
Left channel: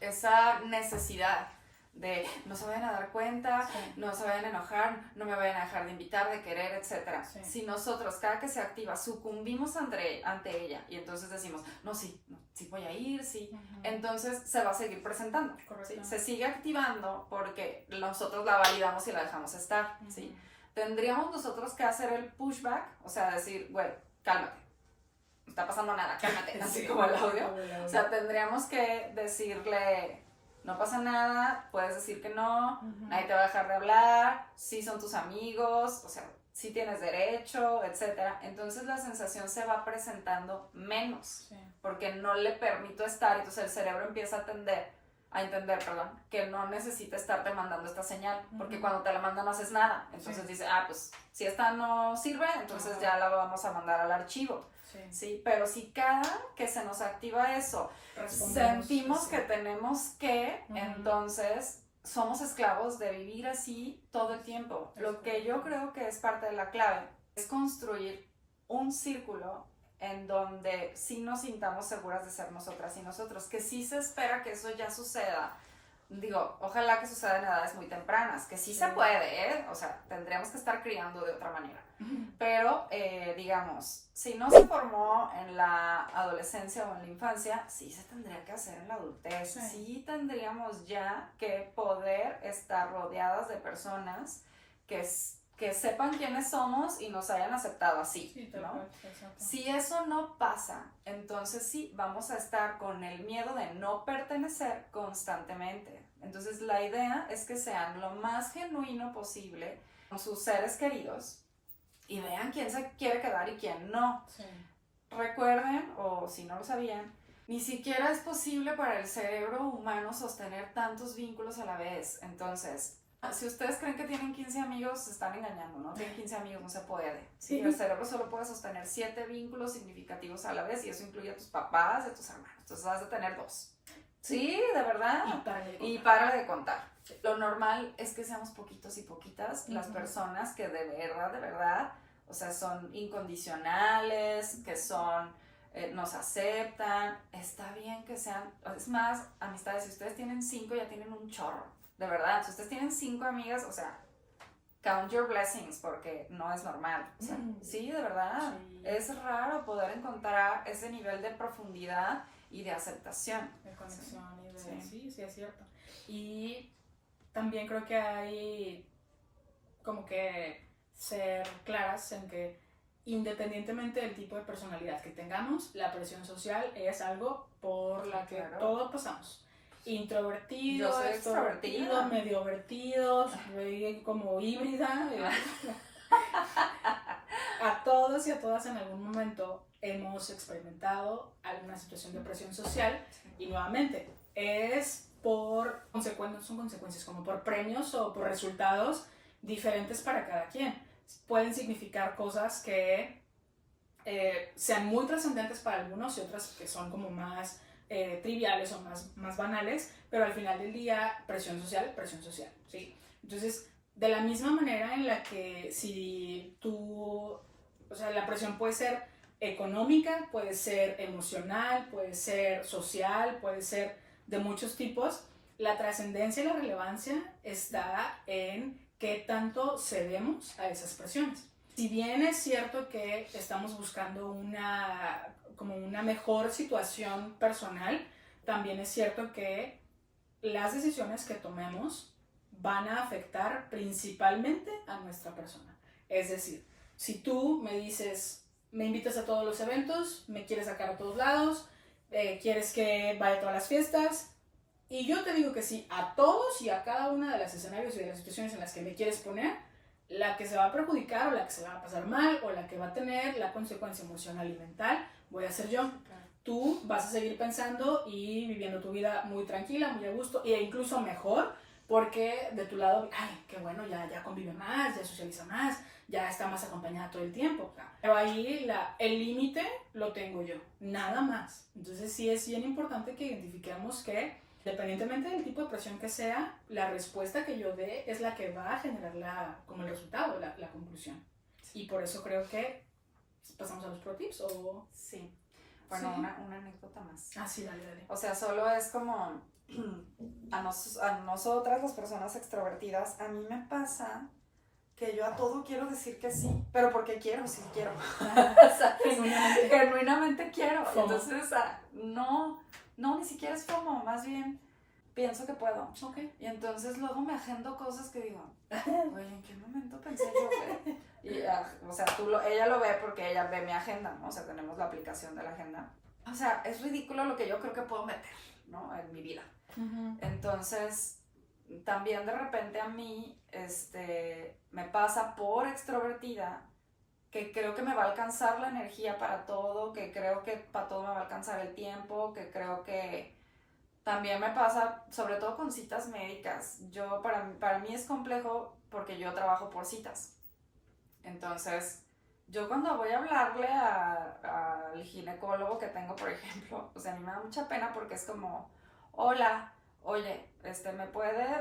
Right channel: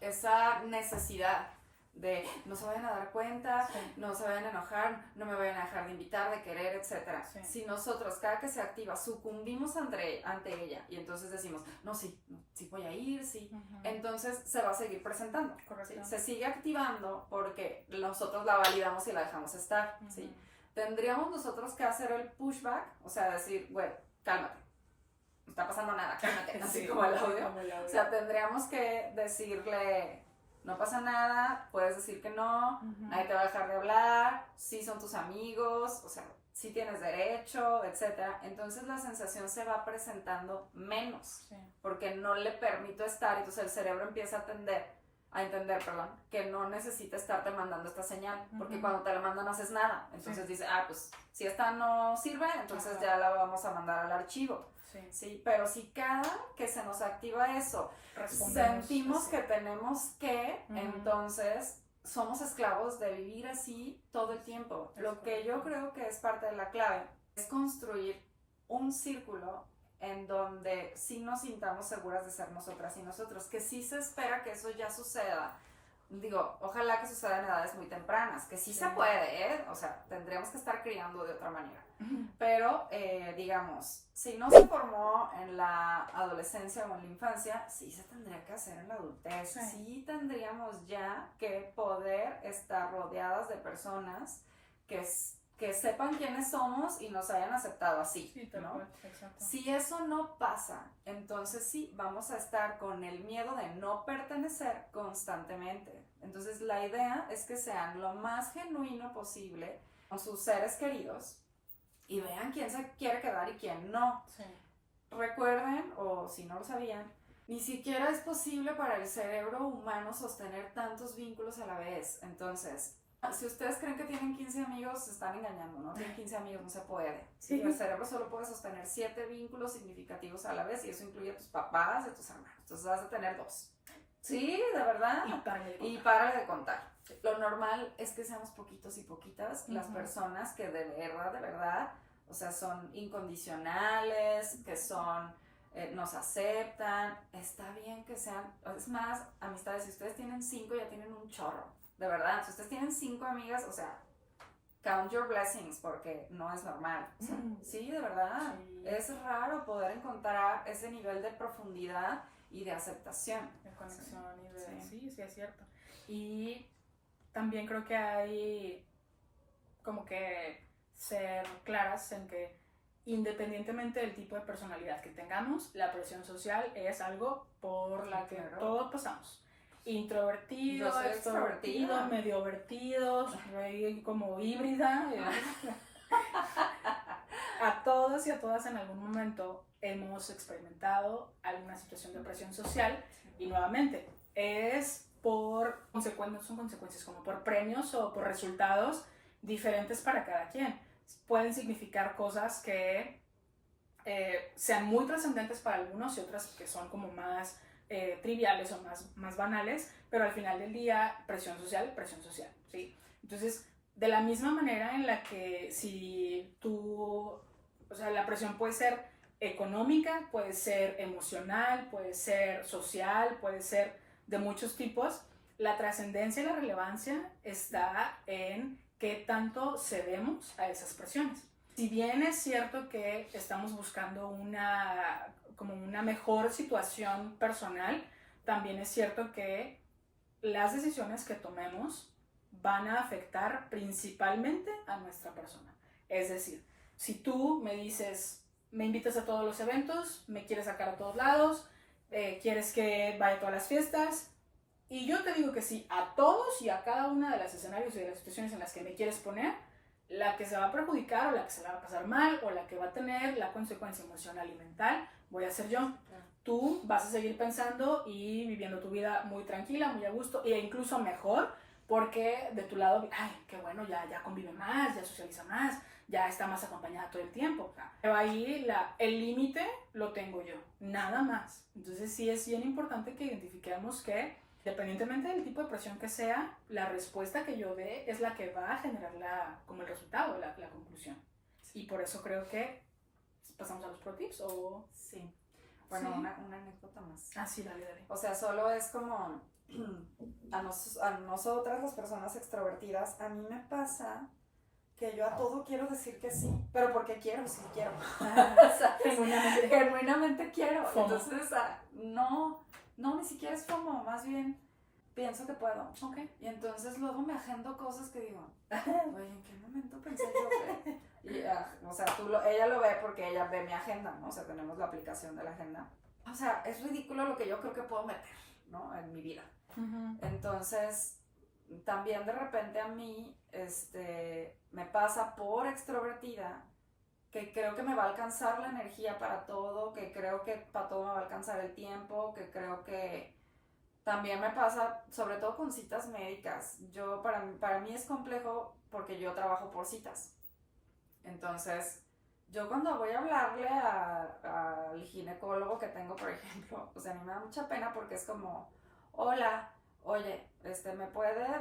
esa necesidad de no se vayan a dar cuenta, sí, no se vayan a enojar, no me vayan a dejar de invitar, de querer, etc. Sí. Si nosotros, cada que se activa, sucumbimos ante ella y entonces decimos, no, sí voy a ir, sí, entonces se va a seguir presentando. ¿Sí? Se sigue activando porque nosotros la validamos y la dejamos estar. ¿Sí? Tendríamos nosotros que hacer el pushback, o sea, decir, güey, cálmate, no está pasando nada, cálmate, así sí, como el audio. O sea, tendríamos que decirle, no pasa nada, puedes decir que no, nadie te va a dejar de hablar, sí son tus amigos, o sea, sí tienes derecho, etc. Entonces la sensación se va presentando menos, sí, porque no le permito estar, entonces el cerebro empieza a entender, que no necesita estarte mandando esta señal, porque cuando te la manda no haces nada, entonces sí, dice, pues si esta no sirve, entonces ya la vamos a mandar al archivo. Sí. Sí, pero si cada que se nos activa eso, sentimos que tenemos que, entonces somos esclavos de vivir así todo el tiempo. Lo que yo creo que es parte de la clave es construir un círculo en donde sí nos sintamos seguras de ser nosotras y nosotros, que sí se espera que eso ya suceda. Digo, ojalá que suceda en edades muy tempranas, que sí se puede, o sea, tendríamos que estar criando de otra manera. Pero, digamos, si no se formó en la adolescencia o en la infancia, sí se tendría que hacer en la adultez. Sí tendríamos ya que poder estar rodeadas de personas que sepan quiénes somos y nos hayan aceptado así, sí, ¿no? Si eso no pasa, entonces sí, vamos a estar con el miedo de no pertenecer constantemente. Entonces la idea es que sean lo más genuino posible con sus seres queridos y vean quién se quiere quedar y quién no. Sí. Recuerden, o si no lo sabían, ni siquiera es posible para el cerebro humano sostener tantos vínculos a la vez. Entonces, si ustedes creen que tienen 15 amigos, se están engañando, ¿no? Tienen 15 amigos, no se puede. Sí. El cerebro solo puede sostener 7 vínculos significativos a la vez y eso incluye a tus papás y a tus hermanos. Entonces vas a tener 2. Sí, de verdad. Y párale de contar. Lo normal es que seamos poquitos y poquitas las personas que de verdad, o sea, son incondicionales, que son, nos aceptan. Está bien que sean, es más, amistades, si ustedes tienen 5 ya tienen un chorro. De verdad, si ustedes tienen 5 amigas, o sea, count your blessings, porque no es normal. O sea, sí, de verdad. Sí. Es raro poder encontrar ese nivel de profundidad y de aceptación. De conexión y de... Sí, es cierto. Y también creo que hay como que ser claras en que independientemente del tipo de personalidad que tengamos, la presión social es algo por la que todos pasamos. Introvertido, extrovertido, medio vertido, como híbrida. A todos y a todas en algún momento hemos experimentado alguna situación de presión social y nuevamente es por son consecuencias como por premios o por resultados diferentes para cada quien. Pueden significar cosas que sean muy trascendentes para algunos y otras que son como más triviales o más banales, pero al final del día, presión social, ¿sí? Entonces, de la misma manera en la que si tú, o sea, la presión puede ser económica, puede ser emocional, puede ser social, puede ser de muchos tipos, la trascendencia y la relevancia está en qué tanto cedemos a esas presiones. Si bien es cierto que estamos buscando como una mejor situación personal, también es cierto que las decisiones que tomemos van a afectar principalmente a nuestra persona. Es decir, si tú me dices, me invitas a todos los eventos, me quieres sacar a todos lados, quieres que vaya a todas las fiestas, y yo te digo que sí a todos y a cada una de los escenarios y de las situaciones en las que me quieres poner, la que se va a perjudicar o la que se la va a pasar mal o la que va a tener la consecuencia emocional y mental voy a ser yo. Tú vas a seguir pensando y viviendo tu vida muy tranquila, muy a gusto e incluso mejor, porque de tu lado, ay, qué bueno, ya convive más, ya socializa más, ya está más acompañada todo el tiempo. Pero ahí el límite lo tengo yo, nada más. Entonces sí es bien importante que identifiquemos que, dependientemente del tipo de presión que sea, la respuesta que yo dé es la que va a generar como el resultado, la conclusión. Y por eso creo que pasamos a los pro tips o... Sí. Bueno, sí. Una anécdota más. Ah, sí, dale. O sea, solo es como a nosotras, las personas extrovertidas, a mí me pasa que yo a todo quiero decir que sí, pero porque quiero, sí quiero. Genuinamente quiero. FOMO. Entonces, no, ni siquiera es FOMO, más bien pienso que puedo. Okay. Y entonces luego me agendo cosas que digo, güey, ¿en qué momento pensé yo que...? Y, o sea, ella lo ve porque ella ve mi agenda, ¿no? O sea, tenemos la aplicación de la agenda. O sea, es ridículo lo que yo creo que puedo meter, ¿no? En mi vida. Uh-huh. Entonces, también de repente a mí, me pasa por extrovertida que creo que me va a alcanzar la energía para todo, que creo que para todo me va a alcanzar el tiempo, que creo que también me pasa, sobre todo con citas médicas. Para mí es complejo porque yo trabajo por citas. Entonces, yo cuando voy a hablarle al ginecólogo que tengo, por ejemplo, o sea, a mí me da mucha pena porque es como, hola, oye,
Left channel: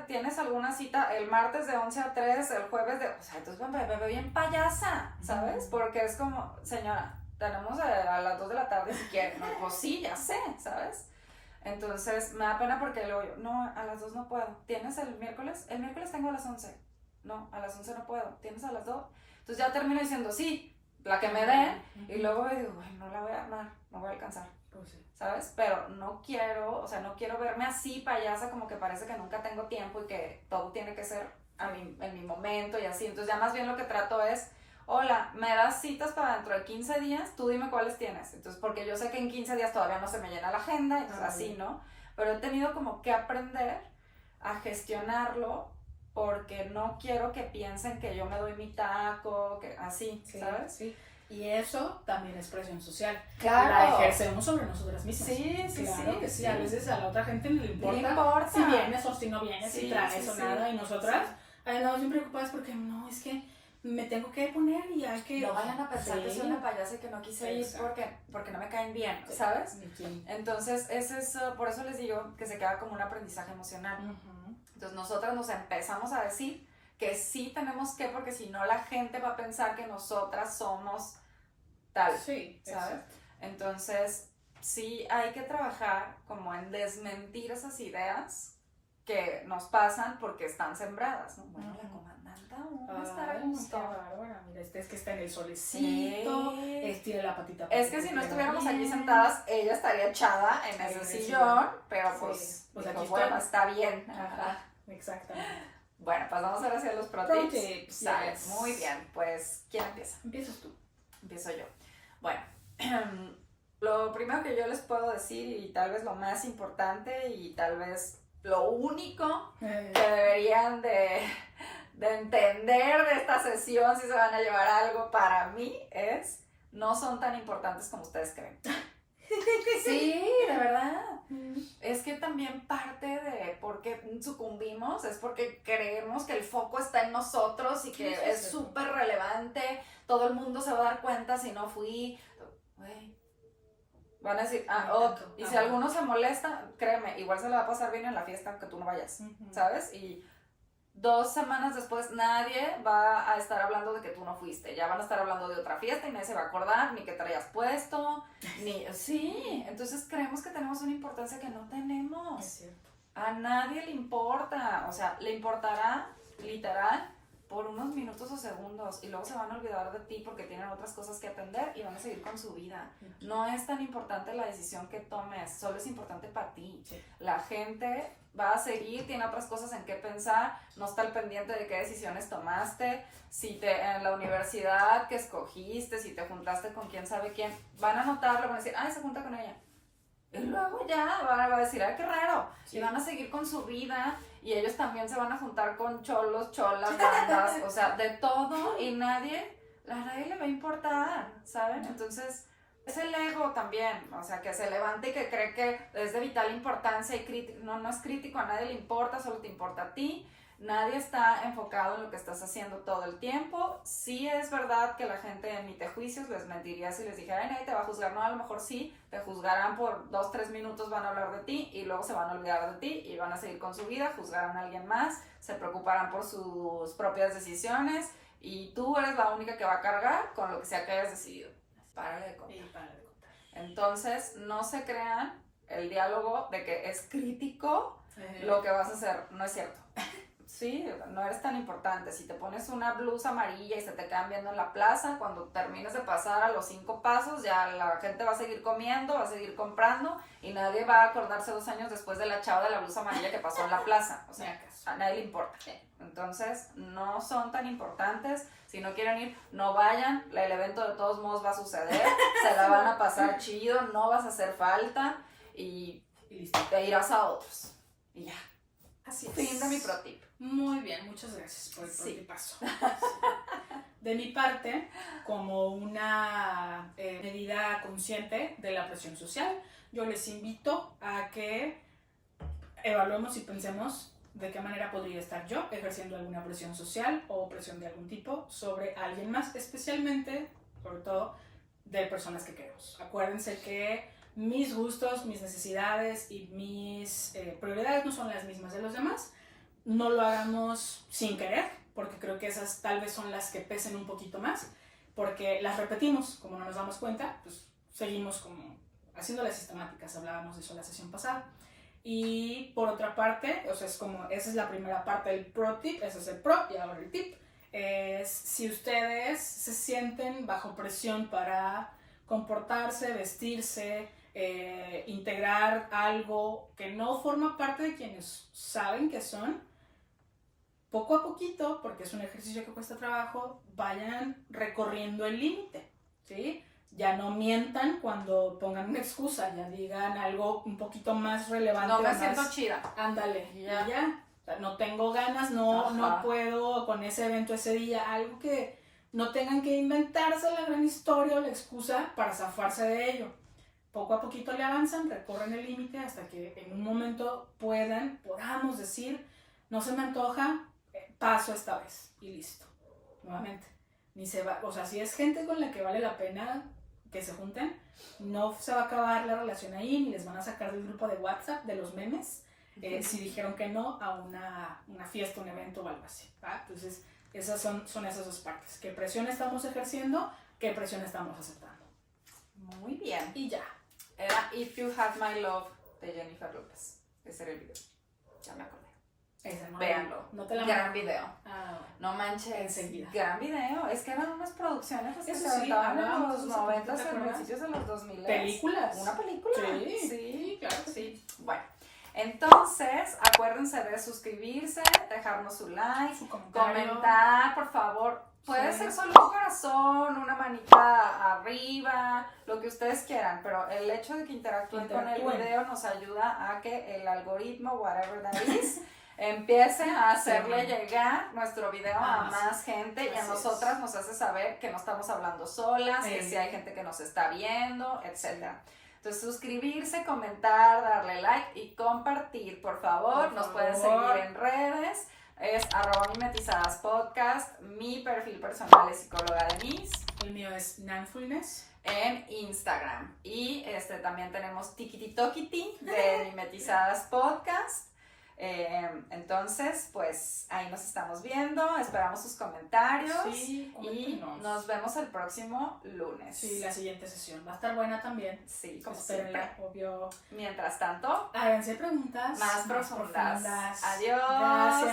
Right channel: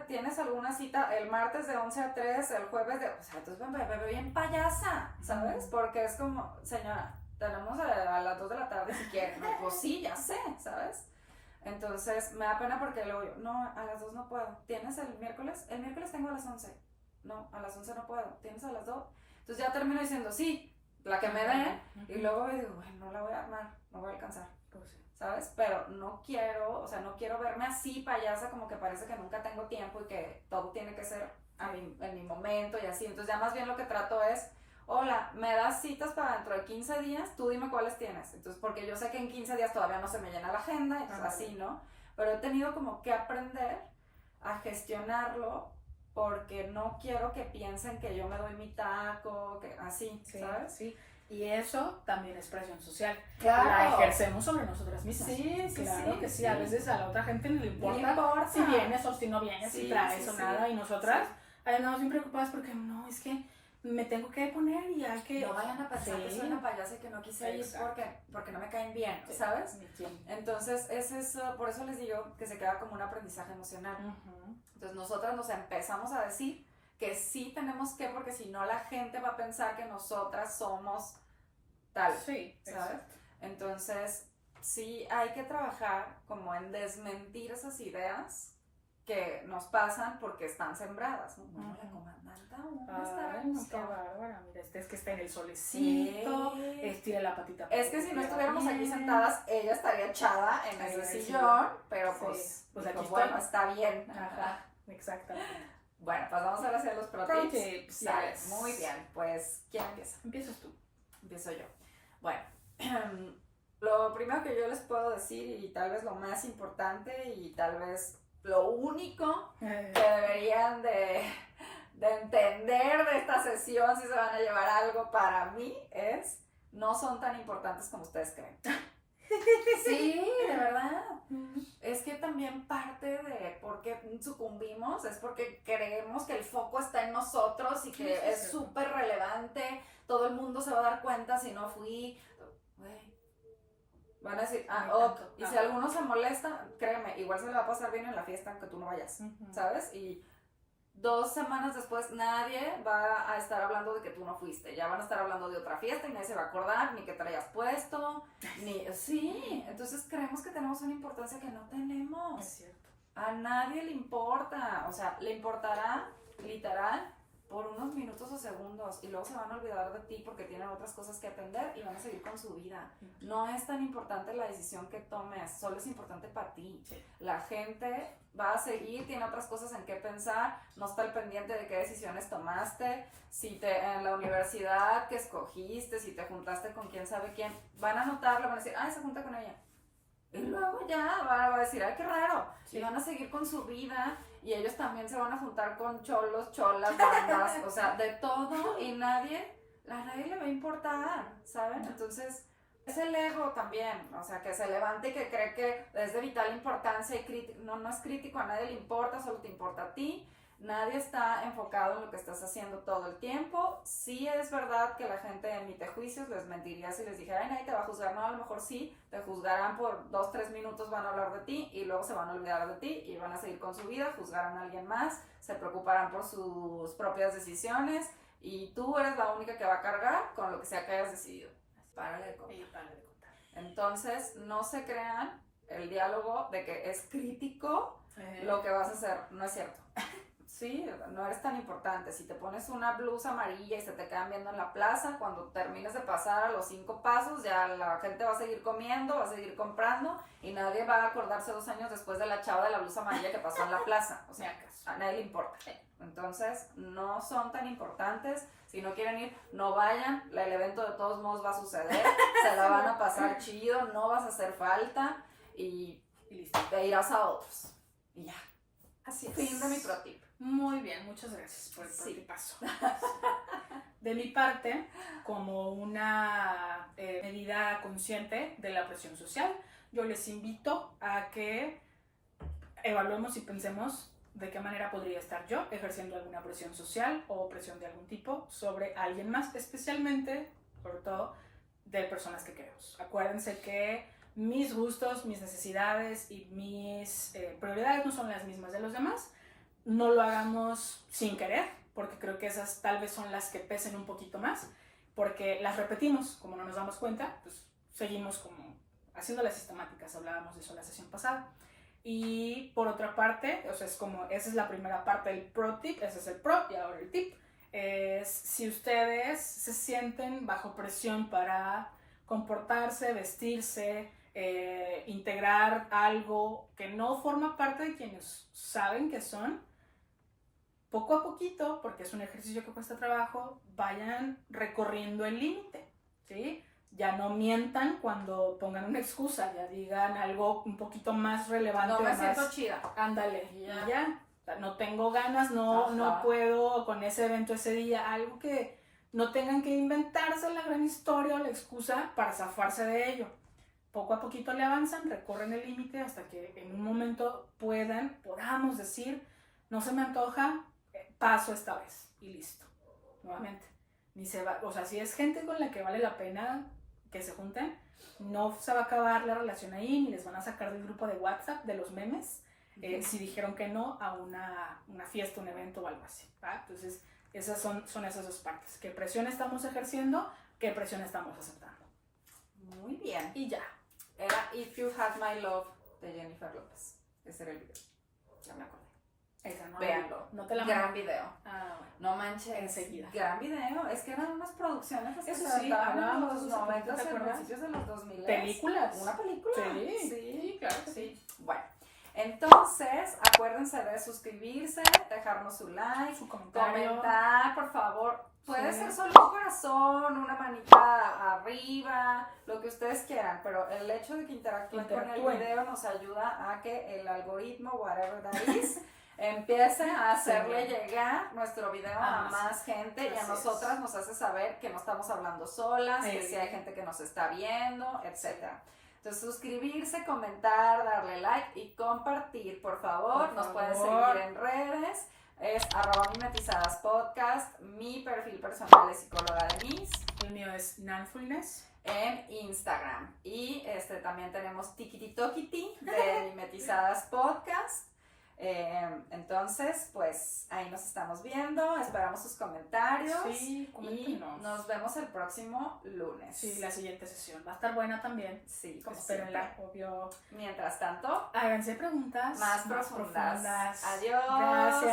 ¿tienes alguna cita el martes de 11 a 3, el jueves de...? O sea, entonces me veo bien payasa, ¿sabes? Porque es como, señora, tenemos a las 2 de la tarde si quiere, ¿no? Pues sí, ya sé, ¿sabes? Entonces, me da pena porque luego yo, no, a las 2 no puedo. ¿Tienes el miércoles? El miércoles tengo a las 11. No, a las 11 no puedo. ¿Tienes a las 2? Entonces ya termino diciendo, sí, la que me dé, y luego digo, bueno, no la voy a armar, no voy a alcanzar, pues sí. ¿sabes? Pero no quiero verme así payasa, como que parece que nunca tengo tiempo y que todo tiene que ser en mi momento y así. Entonces ya más bien lo que trato es, hola, me das citas para dentro de 15 días, tú dime cuáles tienes. Entonces, porque yo sé que en 15 días todavía no se me llena la agenda, entonces así, ¿no? Pero he tenido como que aprender a gestionarlo, porque no quiero que piensen que yo me doy mi taco, que así, sí, ¿sabes? Sí. Y eso también es presión social. Claro. La ejercemos sobre nosotras mismas. Sí, claro que sí. A veces a la otra gente no le importa si vienes o si no vienes, si traes o nada. Y nosotras andamos bien preocupadas porque no, es que me tengo que poner y hay que... No vayan a pensar que soy una payasa y que no quise ir porque no me caen bien, ¿sabes? Entonces, por eso les digo que se queda como un aprendizaje emocional. Uh-huh. Entonces, nosotras nos empezamos a decir que sí tenemos que, porque si no la gente va a pensar que nosotras somos tal, ¿sabes? Exacto. Entonces, sí hay que trabajar como en desmentir esas ideas que nos pasan porque están sembradas, ¿no? Bueno, la comandanta aún está a gusto. Qué bárbara, mira, es que está en el solecito, tiene la patita. Es que si no estuviéramos aquí sentadas, ella estaría echada en ese sillón, pero pues aquí bueno, está bien. Ajá, exactamente. Bueno, pues vamos ahora hacia los pro tips. Yes. Muy bien, pues, ¿quién empieza? Empiezas tú. Empiezo yo. Bueno, lo primero que yo les puedo decir, y tal vez lo más importante, y tal vez lo único que deberían de entender de esta sesión, si se van a llevar algo para mí, es no son tan importantes como ustedes creen. Sí, de verdad. Es que también parte de por qué sucumbimos es porque creemos que el foco está en nosotros y que es súper relevante. Todo el mundo se va a dar cuenta si no fui. Güey. Van a decir, y si alguno se molesta, créeme, igual se le va a pasar bien en la fiesta aunque tú no vayas, ¿sabes? Y 2 semanas después nadie va a estar hablando de que tú no fuiste, ya van a estar hablando de otra fiesta y nadie se va a acordar ni que te hayas puesto, sí, entonces creemos que tenemos una importancia que no tenemos. Es cierto. A nadie le importa, o sea, le importará literal por unos minutos o segundos y luego se van a olvidar de ti porque tienen otras cosas que atender y van a seguir con su vida. No es tan importante la decisión que tomes, solo es importante para ti. Sí. La gente va a seguir, tiene otras cosas en qué pensar, no está al pendiente de qué decisiones tomaste, si en la universidad que escogiste, si te juntaste con quién sabe quién, van a notarlo, van a decir, ay, se junta con ella. Y luego ya van a decir, ay, qué raro. Sí. Y van a seguir con su vida y ellos también se van a juntar con cholos, cholas, bandas, o sea, de todo y a nadie le va a importar, ¿saben? Entonces, es el ego también, o sea, que se levante y que cree que es de vital importancia y no es crítico, a nadie le importa, solo te importa a ti. Nadie está enfocado en lo que estás haciendo todo el tiempo. Sí es verdad que la gente emite juicios, les mentiría si les dijera, ay, nadie te va a juzgar. No, a lo mejor sí, te juzgarán por 2-3 minutos, van a hablar de ti y luego se van a olvidar de ti y van a seguir con su vida, juzgarán a alguien más, se preocuparán por sus propias decisiones y tú eres la única que va a cargar con lo que sea que hayas decidido. Párale de contar. Entonces, no se crean el diálogo de que es crítico lo que vas a hacer, no es cierto. Sí, no eres tan importante. Si te pones una blusa amarilla y se te quedan viendo en la plaza, cuando termines de pasar a los 5 pasos, ya la gente va a seguir comiendo, va a seguir comprando y nadie va a acordarse 2 años después de la chava de la blusa amarilla que pasó en la plaza. O sea, a nadie le importa. Entonces, no son tan importantes. Si no quieren ir, no vayan. El evento de todos modos va a suceder. Se la van a pasar chido, no vas a hacer falta y listo. Te irás a otros. Y ya. Así es. Fin de mi pro tip. Muy bien, muchas gracias por el tipazo. De mi parte, como una medida consciente de la presión social, yo les invito a que evaluemos y pensemos de qué manera podría estar yo ejerciendo alguna presión social o presión de algún tipo sobre alguien más, especialmente, sobre todo, de personas que queremos. Acuérdense que mis gustos, mis necesidades y mis prioridades no son las mismas de los demás. No lo hagamos sin querer, porque creo que esas tal vez son las que pesen un poquito más, porque las repetimos, como no nos damos cuenta, pues seguimos como haciendo las sistemáticas, hablábamos de eso la sesión pasada. Y por otra parte, o sea, es como, esa es la primera parte del pro tip, ese es el pro y ahora el tip, es si ustedes se sienten bajo presión para comportarse, vestirse, integrar algo que no forma parte de quienes saben que son, poco a poquito, porque es un ejercicio que cuesta trabajo, vayan recorriendo el límite, ¿sí? Ya no mientan cuando pongan una excusa, ya digan algo un poquito más relevante. No me siento chida. Ándale, ya. O sea, no tengo ganas, no puedo con ese evento ese día, algo que no tengan que inventarse la gran historia o la excusa para zafarse de ello. Poco a poquito le avanzan, recorren el límite hasta que en un momento podamos decir, no se me antoja, paso esta vez y listo. Nuevamente, ni se va, o sea, si es gente con la que vale la pena que se junten, no se va a acabar la relación ahí, ni les van a sacar del grupo de WhatsApp de los memes, si dijeron que no a una fiesta, un evento o algo así, ¿va? Entonces, esas son esas dos partes. ¿Qué presión estamos ejerciendo? ¿Qué presión estamos aceptando? Muy bien. Y ya. Era If You Had My Love de Jennifer López. Ese era el video. Ya me acordé. Véanlo. No te la gran video. Ah, no manches. Enseguida. Gran video. Es que eran unas producciones que eso se sí, aventaban en los 90, en principios de los 2000. ¿Películas? Una película. Sí, claro que sí. Bueno. Entonces, acuérdense de suscribirse, dejarnos su like, su comentario, comentar, por favor. Puede ser solo un corazón, una manita arriba, lo que ustedes quieran, pero el hecho de que interactúen con el video nos ayuda a que el algoritmo, whatever that is, empiece a hacerle llegar nuestro video a más gente y a nosotras nos hace saber que no estamos hablando solas, que sí hay gente que nos está viendo, etc. Entonces, suscribirse, comentar, darle like y compartir, por favor. Nos pueden seguir en redes. Es @mimetizadas_podcast. Mi perfil personal es psicóloga Denise. El mío es Nanfulness. En Instagram. Y también tenemos Tikititokiti de Mimetizadas Podcast. Entonces, pues ahí nos estamos viendo. Esperamos sus comentarios. Sí, coméntenos. Y nos vemos el próximo lunes. Sí, la siguiente sesión va a estar buena también. Sí, como espérenla, siempre. obvio. Mientras tanto, Háganse preguntas más profundas. Adiós. Gracias.